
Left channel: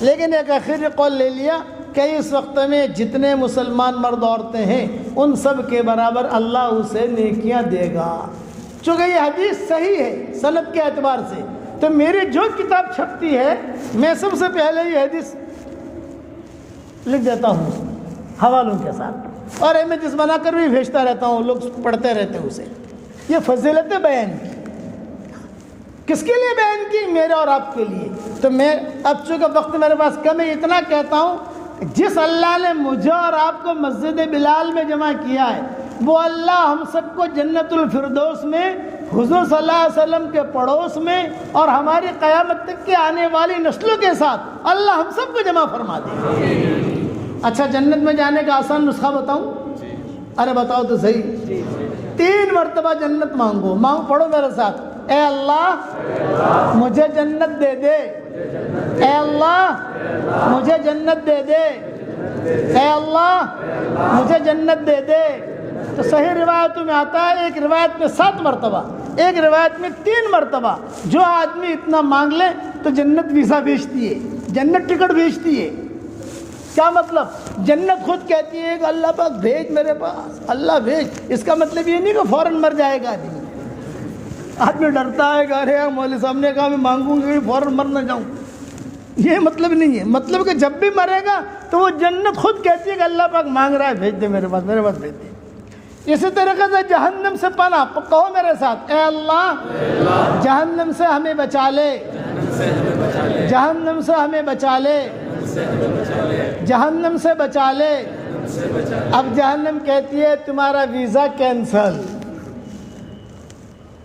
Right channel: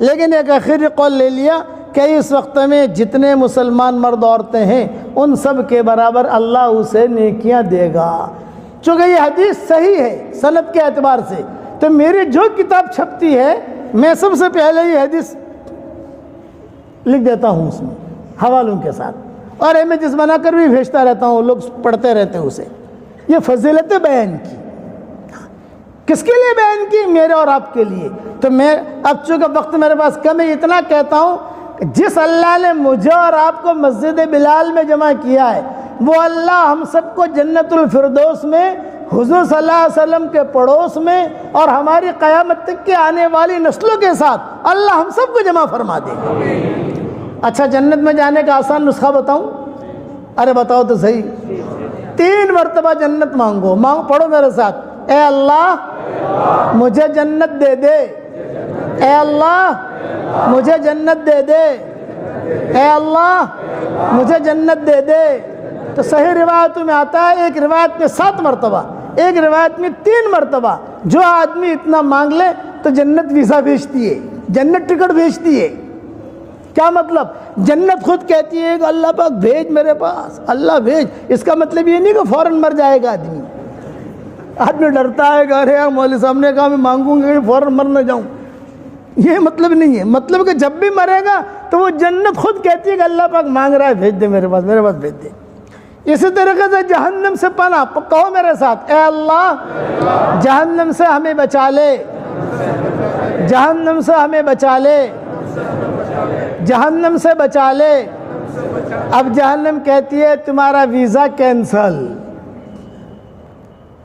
لیکن ایک آخری قول لے لیا کہ اس وقت میں جتنے مسلمان مرد عورتیں ہیں ان سب کے برابر اللہ اسے نیکیاں دے گا. چونکہ یہ حدیث صحیح ہے سند کے اعتبار سے، تو میری جو کتاب چھپتی ہے میں سب سے پہلے یہ حدیث لکھ دیتا ہوں اس میں حوالوں کے ساتھ، اور امیجز بنا کر بھی بھیجتا رہتا ہوں، لوگ پڑھتے رہتے ہیں اسے. یہ فضیلتیں بیان کی. کس کے لیے بیان کی؟ میرے اور آپ کے لیے. تو میں اب چونکہ وقت میرے پاس کم ہے، اتنا کہتا ہوں کہ جس اللہ نے مجھے اور آپ کو مسجد بلال میں جمع کیا ہے، وہ اللہ ہم سب کو جنت الفردوس میں حضور صلی اللہ علیہ وسلم کے پڑوس میں اور ہماری قیامت تک کے آنے والی نسلوں کے ساتھ اللہ ہم سب کو جمع فرما دے. اچھا، جنت میں جانے کا آسان نسخہ بتاؤں؟ ارے بتاؤ تو صحیح. 3 مرتبہ جنت مانگو. پڑھو میرے ساتھ، اے اللہ مجھے جنت دے دے، اے اللہ مجھے جنت دے دے، اے اللہ مجھے جنت دے دے. تو صحیح روایتوں میں آتا ہے، ایک روایت میں 7 مرتبہ، ایک روایت میں 3 مرتبہ. جو آدمی اتنا مانگ لے تو جنت ویزا بھیجتی ہے، جنت ٹکٹ بھیجتی ہے. کیا مطلب؟ جنت خود کہتی ہے کہ اللہ پاک بھیج میرے پاس، اللہ بھیج. اس کا مطلب یہ نہیں کہ فوراً مر جائے گا آدمی. آدمی ڈرتا ہے کہ ارے یار مولوی صاحب نے کہا میں مانگوں گا فوراً مر نہ جاؤں. یہ مطلب نہیں ہے. مطلب کہ جب بھی مرے گا تو وہ جنت خود کہتی ہے کہ اللہ پاک مانگ رہا ہے، بھیج دے میرے پاس، میرے پاس بھیج دے. اسی طریقے سے جہنم سے پناہ. کہو میرے ساتھ، اے اللہ جہنم سے ہمیں بچا لے، جہنم سے ہمیں بچا لے، جہنم سے بچا لے. اب جہنم کہتی ہے تمہارا ویزا کینسل.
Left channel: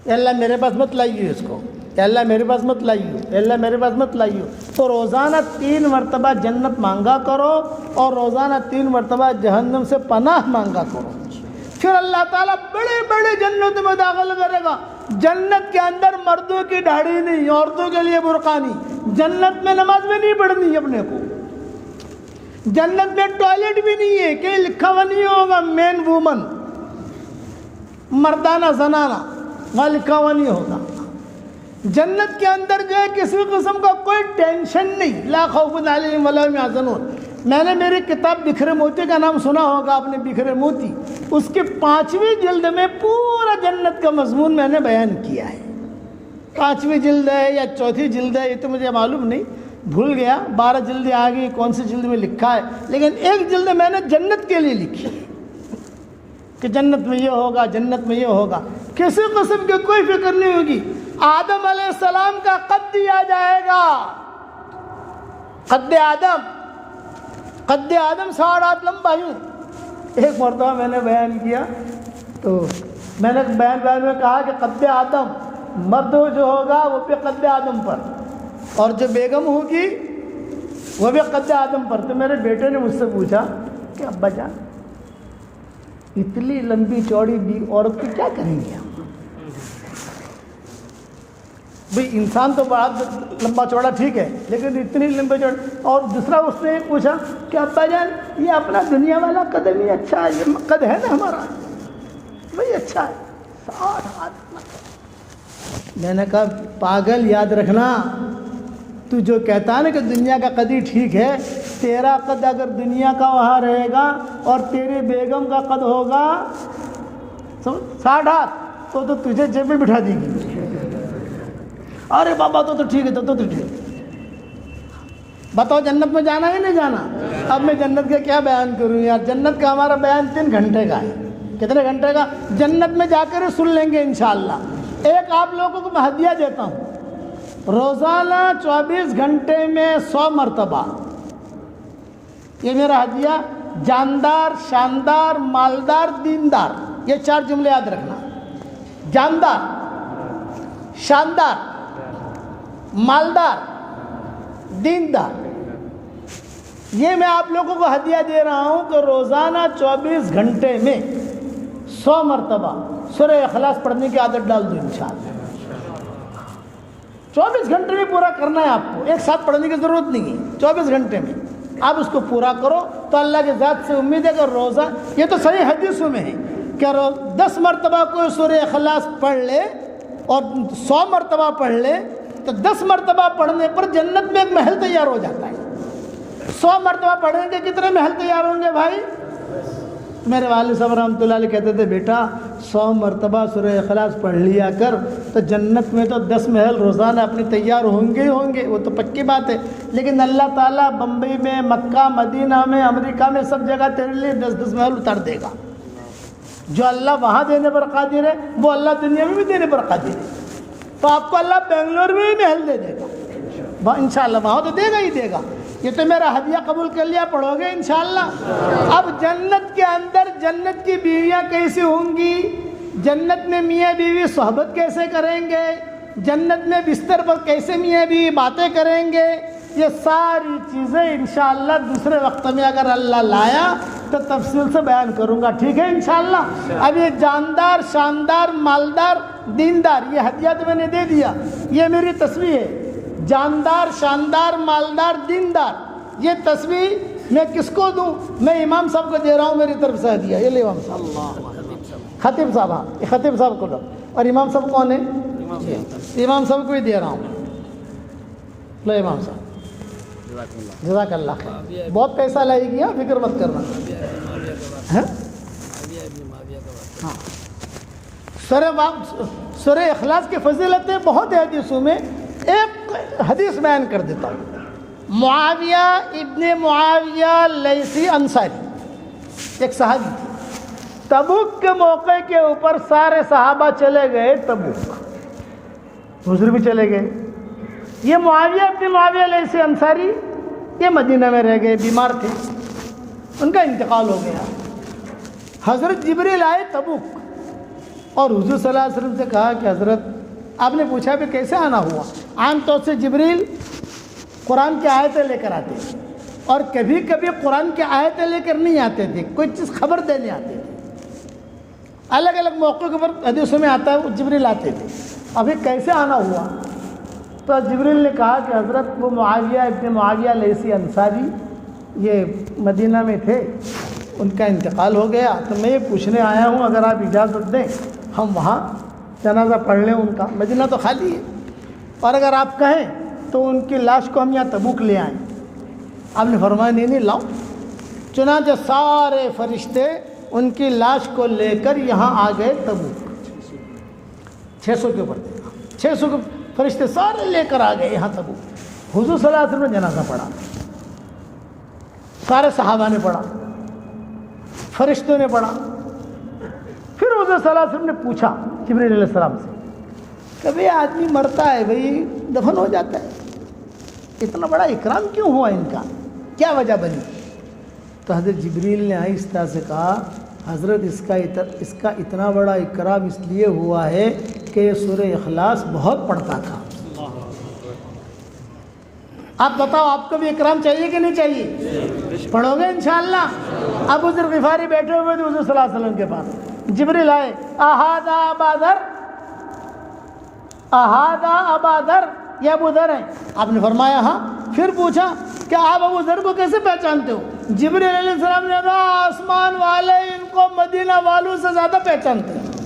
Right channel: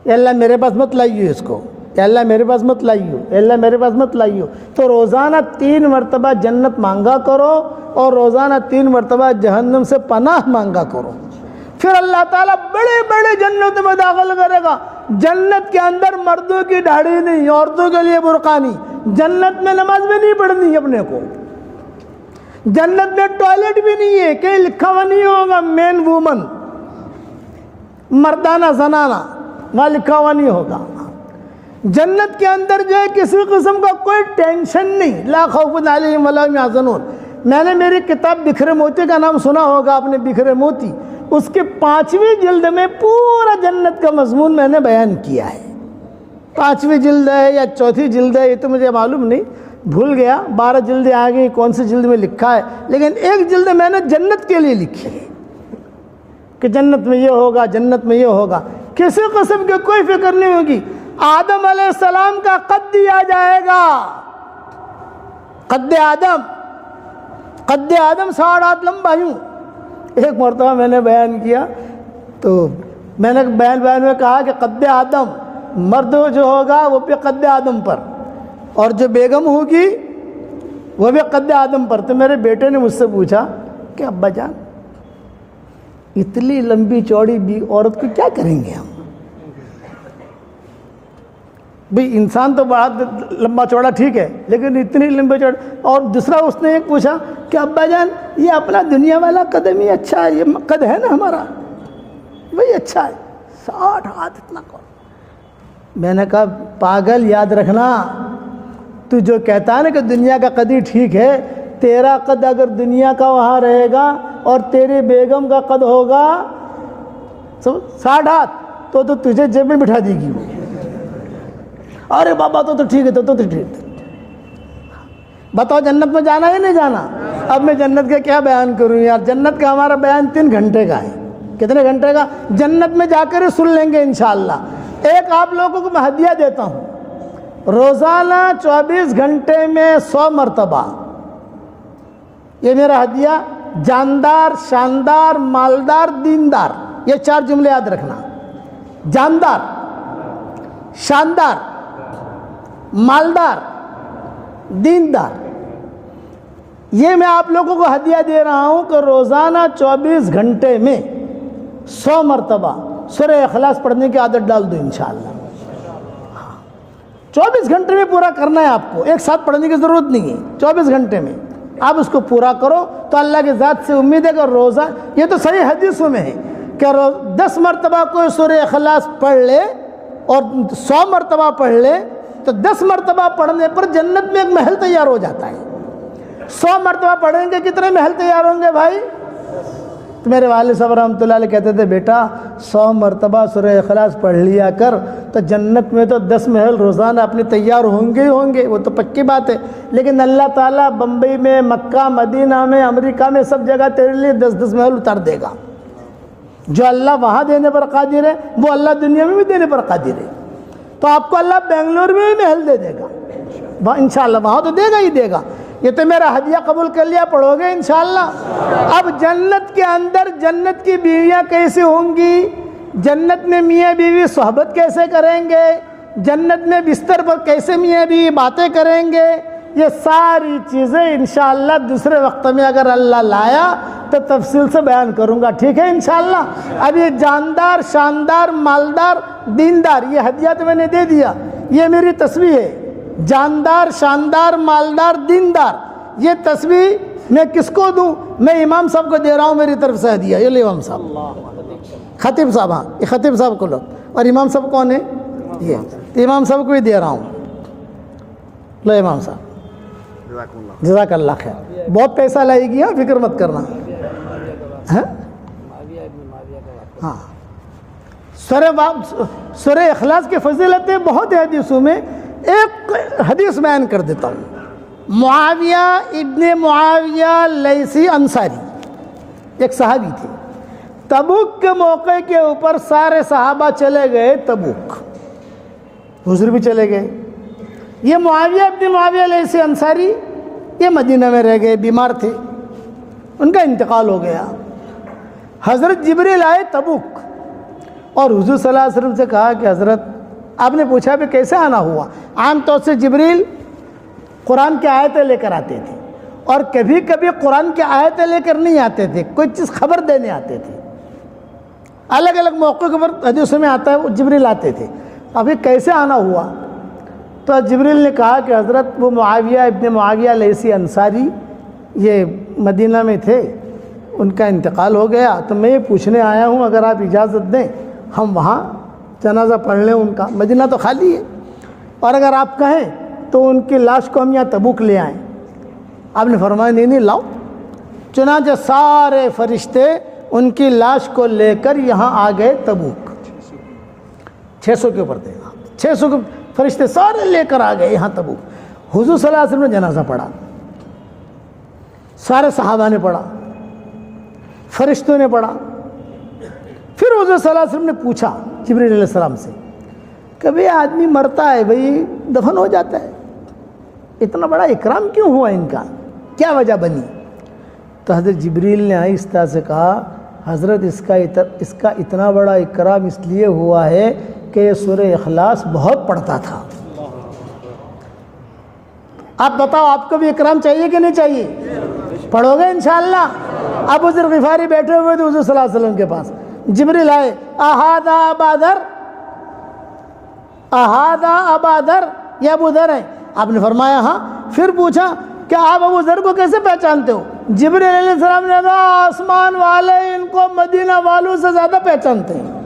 اے اللہ میرے پاس مت لائیو اس کو، اے اللہ میرے پاس مت لائیو، اے اللہ میرے پاس مت لائیو۔ تو روزانہ 3 مرتبہ جنت مانگا کرو اور روزانہ 3 مرتبہ جہنم سے پناہ مانگا کرو، پھر اللہ تعالیٰ بڑے بڑے جنت میں داخل کرے گا۔ جنت کے اندر مردوں کی داڑھی نہیں، عورتوں کے لیے برقع نہیں، جنت میں نماز بھی نہیں پڑھنی اپنے کو، جنت میں ٹوائلٹ بھی نہیں ہے کہ لکھا ہوا نہیں ہوگا مین وومن، مردانہ زنانہ، وہاں لکھا ہوا نہیں ہوگا۔ جنت کے اندر جو ہے کسی قسم کا کوئی ٹینشن نہیں، لا خوف علیہم ولا هم يحزنون۔ میں نے میری کتاب بکھرے موتی کا نام سنا ہوگا آپ نے، بکھرے موتی، اس کے 5ویں جلد میں پورا جنت کا مضمون میں نے بیان کیا ہے۔ 5ویں جلد ہے یا 4تھی جلد ہے یہ تو مجھے معلوم نہیں، بھول گیا، 12 جلدیں آ گئی، کون سی جلد میں لکھا ہے، لیکن ایک جلد میں نے جنت کے لیے لکھی ہے کہ جنت میں یہ ہوگا، جنت میں یہ ہوگا، کسی قسم کی کوئی فکر نہیں ہوگی۔ آدم علیہ السلام کا قد دیا جائے گا، قد آدم 8.5 ہاتھ لمبا یوں۔ ایک مرتبہ میں نے بیان کیا تو میں نے بیان میں کہا کہ قد آدم مرد جو ہوگا وہ بھی قد آدم پر، اور جو بیگم ہوگی وہ بھی قد آدم پر۔ تو میرے بیٹے نے مجھ سے پوچھا کہ ابا جان اتنی لمبی چوڑی بھی عورت کی کیا کریں گے ہم؟ بھئی انسان تو بڑا لمبا چوڑا ٹھیک ہے، لیکن اتنی لمبی چوڑا۔ اور دوسرا اس نے ایک پوچھا کہ ابا جان یہ اپنا دنیا والا قدم ہی اچھا ہے، یہ قد ہے نا ہمارا وہی اچھا ہے، 60 ہاتھ اتنا۔ میں نے کہا پاگل یاد رکھنا، تو جو کہتا ہے نا کہ دنیا کا قد ہی ٹھیک ہے، تیرا قد اگر دنیا کا وہاں رہے گا اور تیری بیگم کا قد ہوگا 60 ہاتھ تو تجھے جیب میں بٹھا دے گی۔ ارے بابا تو ٹھیک ہے، تو ٹھیک۔ بتاؤ جنت میں جانا ہے نہیں جانا؟ اب میں جنت کا کیا بیان کروں یار، جنت کا ہمارا بیان 3 گھنٹے کا ہے۔ کتنے گھنٹے کا؟ جنت میں جا کر سن لیں گے انشاءاللہ۔ ایک آپ لوگوں کو میں ہدیہ دیتا ہوں، روزانہ 24 گھنٹے میں 100 مرتبہ، یہ میرا ہدیہ، جاندار، شاندار، مالدار، دیندار، یہ 4 جملے یاد رکھنا۔ جاندار، شاندار، مالدار، دیندار، یہ میں آپ لوگوں کو ہدیہ دے رہا ہوں کہ روزانہ 24 گھنٹے میں 100 مرتبہ سورہ اخلاص پڑھنے کی عادت ڈال دو انشاءاللہ۔ 24 گھنٹے میں پورا کرنا ہے آپ کو، ایک ساتھ پڑھنے کی ضرورت نہیں ہے، 24 گھنٹے میں آپ اس کو پورا کرو تو اللہ کی ذات سے امید ہے کہ روزہ، یہ تو صحیح حدیثوں میں ہے کہ 10 مرتبہ کوئی سورہ اخلاص پڑھ لے اور 100 مرتبہ پڑھ لے تو 10 مرتبہ پڑھنے پر جنت میں ایک محل تیار ہو جاتا ہے۔ 100 مرتبہ پڑھیں گے کتنے محل تیار ہوں گے بھائی؟ میرے والد صاحب رحمۃ اللہ علیہ کہتے تھے بیٹا 100 مرتبہ سورہ اخلاص پڑھ لیا کر تو جنت میں تو 10 محل روزانہ اپنے تیار ہوں گے ہی ہوں گے، وہ تو پکی بات ہے۔ لیکن اللہ تعالیٰ بمبئی میں، مکہ، مدینہ میں، امریکہ میں سب جگہ تیرے لیے 10 محل اتار دے گا۔ جو اللہ وہاں دینے پر قادر ہے وہ اللہ دنیا میں بھی دینے پر قادر ہے۔ تو آپ کو اللہ بنگلور میں بھی محل دے دے گا انشاءاللہ، وہاں تو دے گا ہی دے گا۔ یہ تو میرا ہدیہ قبول کر لیا، پڑھو گے انشاءاللہ۔ اب جنت کے اندر جنت کی بیویاں کیسی ہوں گی، جنت میں میاں بیوی صحبت کیسے کریں گے، جنت میں بستر پر کیسے میاں بیوی باتیں کریں گے، یہ ساری چیزیں انشاءاللہ دوسرے وقت میں اگر اللہ لایا تو تفصیل سے بیان کروں گا، ٹھیک ہے انشاءاللہ۔ اب یہ جاندار، شاندار، مالدار، دیندار، یہ ہدیہ تو میں نے دے دیا، یہ میری تسبیح ہے۔ جاندار، شاندار، مالدار، دیندار، یہ تسبیح میں کس کو دوں؟ میں امام صاحب کو دے رہا ہوں میری طرف سے ہدیہ۔ یہ لے امام صاحب، خطیب صاحب، ہاں یہ خطیب صاحب کو لو۔ اور امام صاحب کون ہے؟ یہ امام صاحب کو ہی دے رہا ہوں، لو امام صاحب، جزاک اللہ خیر۔ بہت پیسہ لائے گی، فکر مت کرنا۔ ہاں سورہ اخلاص کی فضیلتیں بہت ہے حدیثوں میں، ایک حدیث بیان کر دیتا ہوں۔ معاویہ ابن معاویہ لیثی انصاری ایک صحابی تھے، تبوک کے موقع کے اوپر سارے صحابہ چلے گئے تبوک، حضور بھی چلے گئے۔ یہ معاویہ ابن معاویہ لیثی انصاری یہ مدینہ میں رہ گئے، بیمار تھے، ان کا انتقال ہو گیا۔ حضرت جبریل آئے تبوک، اور حضور صلی اللہ علیہ وسلم سے کہا کہ حضرت آپ نے پوچھا کہ کیسے آنا ہوا؟ عام طور سے جبریل قرآن کی آیتیں لے کر آتے تھے، اور کبھی کبھی قرآن کی آیتیں لے کر نہیں آتے تھے، کوئی چیز خبر دینے آتے تھے، الگ الگ موقعوں پر حدیثوں میں آتا ہے وہ جبریل آتے تھے۔ ابھی کیسے آنا ہوا؟ تو جبریل نے کہا کہ حضرت وہ معاویہ ابن معاویہ لیثی انصاری یہ مدینہ میں تھے، ان کا انتقال ہو گیا، تو میں یہ پوچھنے آیا ہوں اگر آپ اجازت دیں ہم وہاں جنازہ پڑھ لیں ان کا، مدینہ تو خالی ہے، اور اگر آپ کہیں تو ان کی لاش کو ہم یہاں تبوک لے آئیں۔ آپ نے فرمایا نہیں لاؤ۔ چنانچہ سارے فرشتے ان کی لاش کو لے کر یہاں آ گئے تبوک، 600 کے اوپر تھے، 600 کے فرشتے سارے لے کر آ گئے یہاں تبوک۔ حضور صلی اللہ علیہ وسلم نے جنازہ پڑھا، سارے صحابہ نے پڑھا، فرشتوں نے پڑھا۔ پھر حضور صلی اللہ علیہ وسلم نے پوچھا جبریل علیہ السلام سے، کبھی آدمی مرتا ہے بھئی دفن ہو جاتا ہے، اتنا بڑا اکرام کیوں ہوا ان کا، کیا وجہ بنی؟ تو حضرت جبریل نے آہستہ سے کہا حضرت اس کا اتنا بڑا اکرام اس لیے ہوا ہے کہ یہ سورہ اخلاص بہت پڑھتا تھا۔ آپ بتاؤ آپ کو بھی اکرام چاہیے کہ نہیں چاہیے؟ پڑھو گے انشاءاللہ؟ ابو ذر غفاری بیٹھے ہوئے تھے حضور صلی اللہ علیہ وسلم کے پاس، جبریل آئے، اہذا ابا ذر، اہذا ابا ذر، یہ ابو ذر ہیں؟ آپ نے فرمایا ہاں۔ پھر پوچھا کہ آپ ابو ذر کو کیسے پہچانتے ہو؟ جبریل علیہ السلام نے کہا آسمان والے ان کو مدینہ والوں سے زیادہ پہچانتے ہیں۔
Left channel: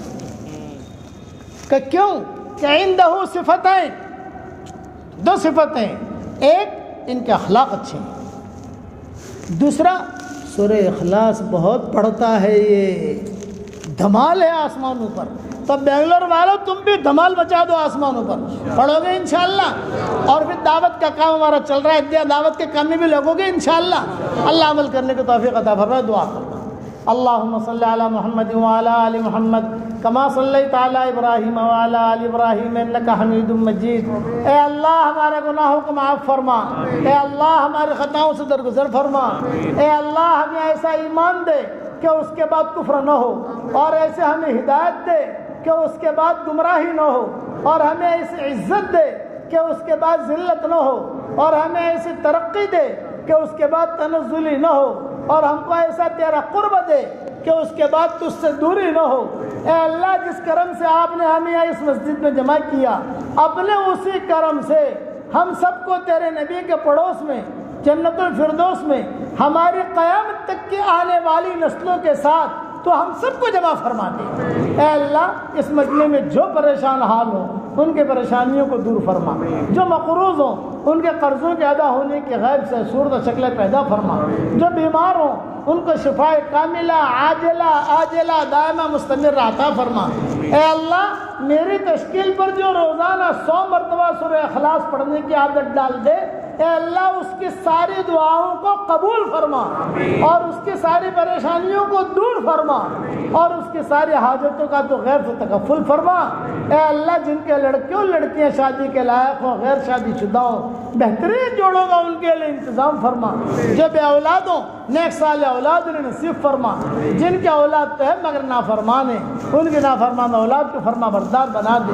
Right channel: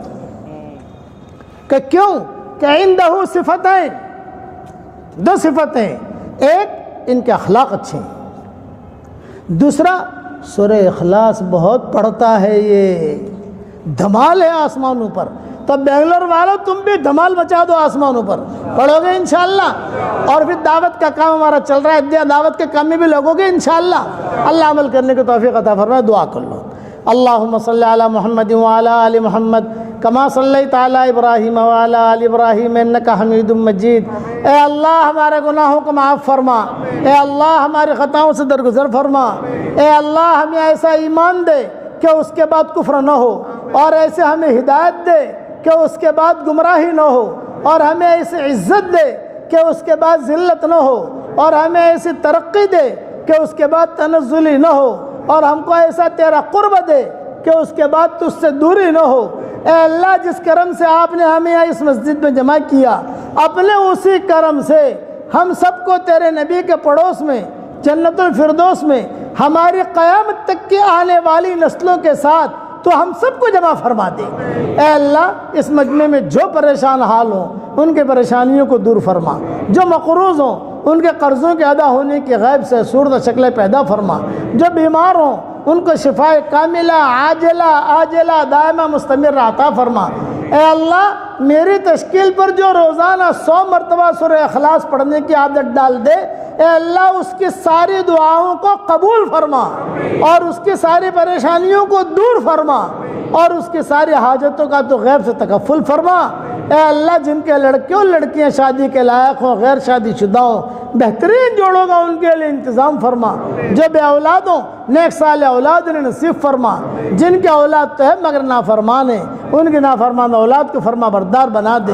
کہ کیوں؟ کہ عندہ صفتیں، دو صفتیں، ایک ان کے اخلاق اچھے ہیں، دوسرا سورہ اخلاص بہت پڑھتا ہے، یہ دھمال ہے آسمانوں پر۔ تو بنگلور والوں تم بھی دھمال مچا دو آسمانوں پر، پڑھو گے انشاءاللہ؟ اور پھر دعوت کا کام ہمارا چل رہا ہے، دعوت کے کام میں بھی لوگوں گے انشاءاللہ۔ اللہ عمل کرنے کی توفیق عطا فرمائے، دعا کر لو۔ اللہم صلی علی محمد وعلی آل محمد کما صلیت علی ابراہیم وعلی آل ابراہیم انک حمید مجید۔ اے اللہ ہمارے گناہوں کو معاف فرما، اے اللہ ہمارے خطاؤں سے درگزر فرما، اے اللہ ہمیں ایسا ایمان دے کہ اس کے بعد کفر نہ ہو، اور ایسے ہمیں ہدایت دے کہ اس کے بعد گمراہی نہ ہو، اور ہمیں ایسی عزت دے کہ اس کے بعد ذلت نہ ہو، اور ہمیں ایسی ترقی دے کہ اس کے بعد تنزلی نہ ہو، اور ہم کو ایسا تیرا قرب دے کہ اس کے بعد تجھ سے دوری نہ ہو۔ اے اللہ جس کرم سے آپ نے ہمیں اس مسجد میں جمع کیا، اپنے اسی کرم سے ہم سب کو تیرے نبی کے پڑوس میں جنت الفردوس میں ہماری قیامت تک کی آنے والی نسلوں کے ساتھ تو ہم سب کو جمع فرما دے۔ اے اللہ اس مجمع میں جو پریشان حال ہوں ان کے پریشانیوں کو دور فرما، جو مقروض ہوں ان کے قرضوں کے ادا ہونے کی غیب سے صورت شکلیں پیدا فرما، جو بیمار ہوں ان کو شفاء کاملہ عاجلہ آجلہ دائمہ مستمر عطا فرما۔ اے اللہ میری تشکیل پر جو روزانہ 100 مرتبہ سورہ اخلاص پڑھنے کی عادت ڈال دے، اے اللہ اس کی ساری دعاؤں کو قبول فرما، اور اس کی ساری پریشانیوں کو دور فرما، اور اس کی ساری حاجتوں کا تو غیب سے تکفل فرما۔ اے اللہ جن کے لڑکیوں لڑکیاں شادی کے لائق ہوں، غیر شادی شدہ ہوں، بہترین جوڑوں کا ان کے لیے انتظام فرما، جو بے اولاد ہوں نیک صالح اولاد انہیں نصیب فرما، جن کی اولاد تو ہے مگر نافرمان ہیں ان کی نافرمان اولاد کو فرما بردار بنا دے۔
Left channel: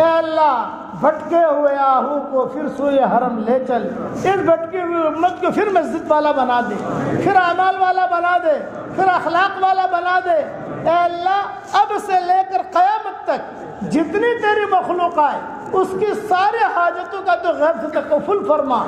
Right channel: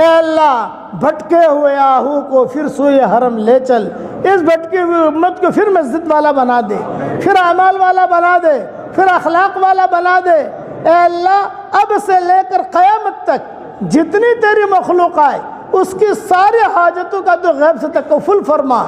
اے اللہ بھٹکے ہوئے آہو کو پھر سوئے حرم لے چل، اس بھٹکی ہوئی امت کو پھر مسجد والا بنا دے، پھر اعمال والا بنا دے، پھر اخلاق والا بنا دے۔ اے اللہ اب سے لے کر قیامت تک جتنی تیری مخلوق آئے اس کی ساری حاجتوں کا تو غیب سے تکفل فرما،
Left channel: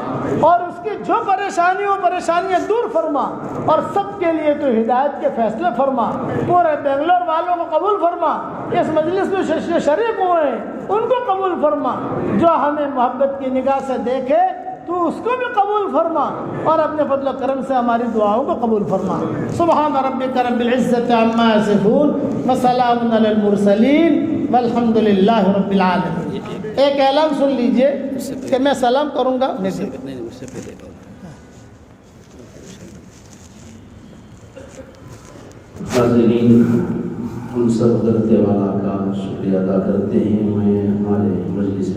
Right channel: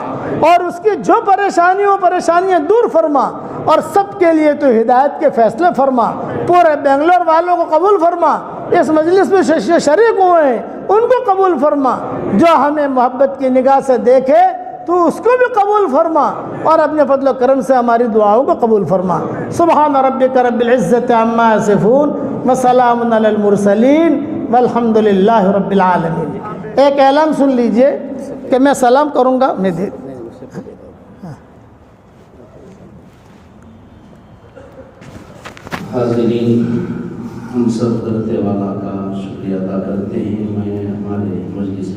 اور اس کی جو پریشانیاں دور فرما، اور سب کے لیے تو ہدایت کے فیصلے فرما۔ پورے بنگلور والوں کو قبول فرما، اس مجلس میں شریک ہوئے ہیں ان کو قبول فرما، جو ہمیں محبت کی نگاہ سے دیکھے تو اس کو بھی قبول فرما، اور اپنے فضل و کرم سے ہماری دعاؤں کو قبول فرما۔ سبحان ربک رب العزت عما یصفون وسلام علی المرسلین والحمد للہ رب العالمین۔ ایک اعلان سن لیجئے کہ میں سلام کروں گا۔ حاضرین ہم سب حضرت والا کا شکریہ ادا کرتے ہیں۔ میں ہمارے مجلس